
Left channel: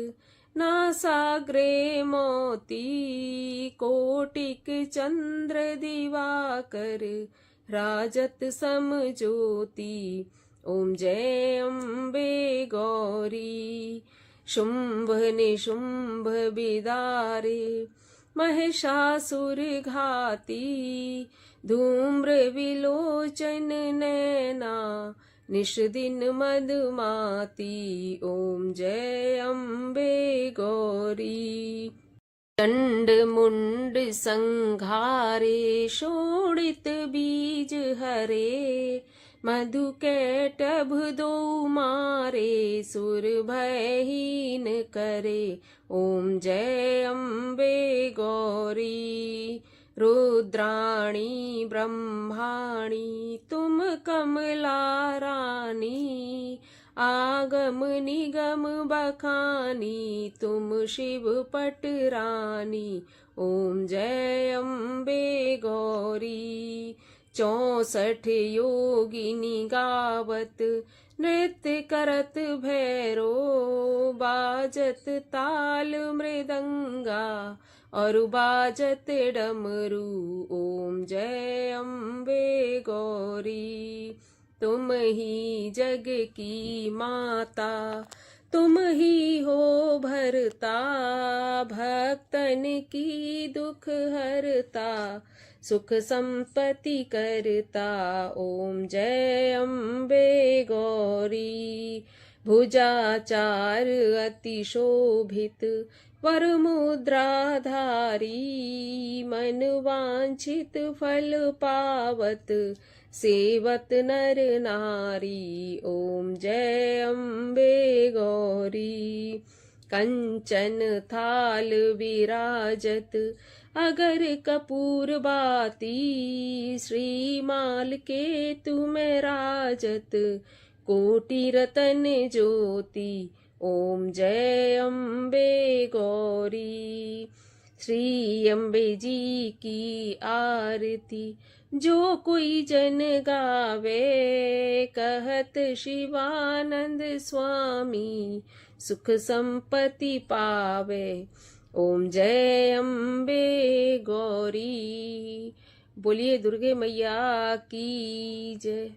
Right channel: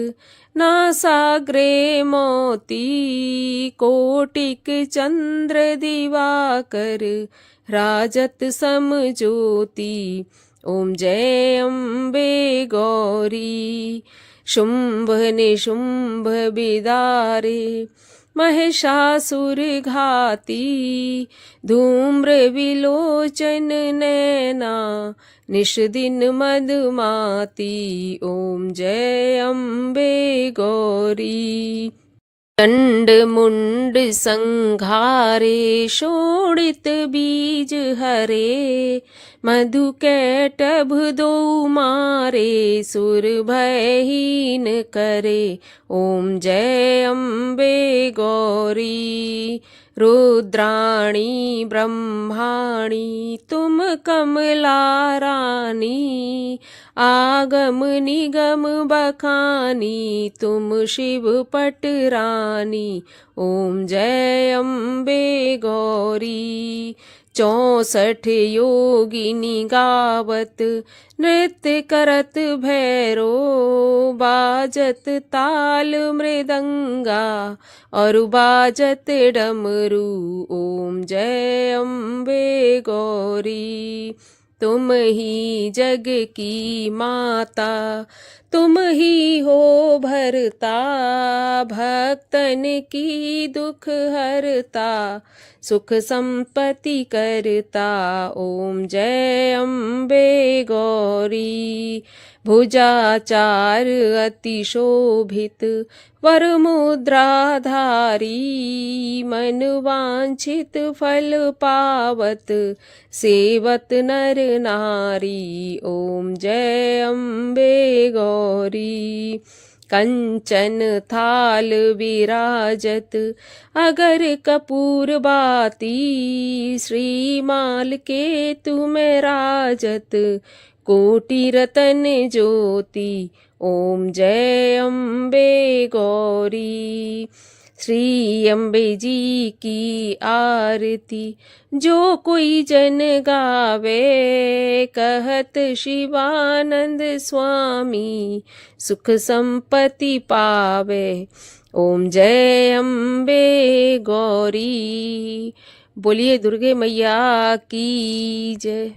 नासाग्रे मोती, कोटिक चंद्र दिवाकर, राजत सम ज्योति। ओम जय अम्बे गौरी। शुंभ निशुंभ बिदारे, महिषासुर घाती, धूम्र विलोचन नैना, निश दिन मदमाती। ओम जय अम्बे गौरी। चंड मुंड संघारे, शोणित बीज हरे, मधु कैटभ दो मारे, सुर भयहीन करे। ओम जय अम्बे गौरी। रुद्राणी ब्रह्माणी, तुम कमला रानी, आगम निगम बखानी, तुम शिव पट रानी। ओम जय अम्बे गौरी। 64 योगिनी गावत, नृत्य करत भैरो, बाजत ताल मृदंगा, और बाजत डमरू। ओम जय अम्बे गौरी। तुम ही जग की माता, तुम ही हो भरता, भक्तन की दुख हरता, सुख संपत्ति करता। ओम जय अम्बे गौरी। भुजाचार अति शोभित, वर मुद्राधारी, मन वांछित फल पावत, सेवत नर नारी। ओम जय अम्बे गौरी। कंचन थाल विराजत, अगर कपूर बाती, श्रीमाल के तुम राजत, कोटि रतन ज्योति। ओम जय अम्बे गौरी। श्री अम्बे जी की आरती जो कोई जन गावे, कहत शिवानंद स्वामी, सुख संपत्ति पावे। ओम जय अम्बे गौरी। बोलिए दुर्गे मैया की जय।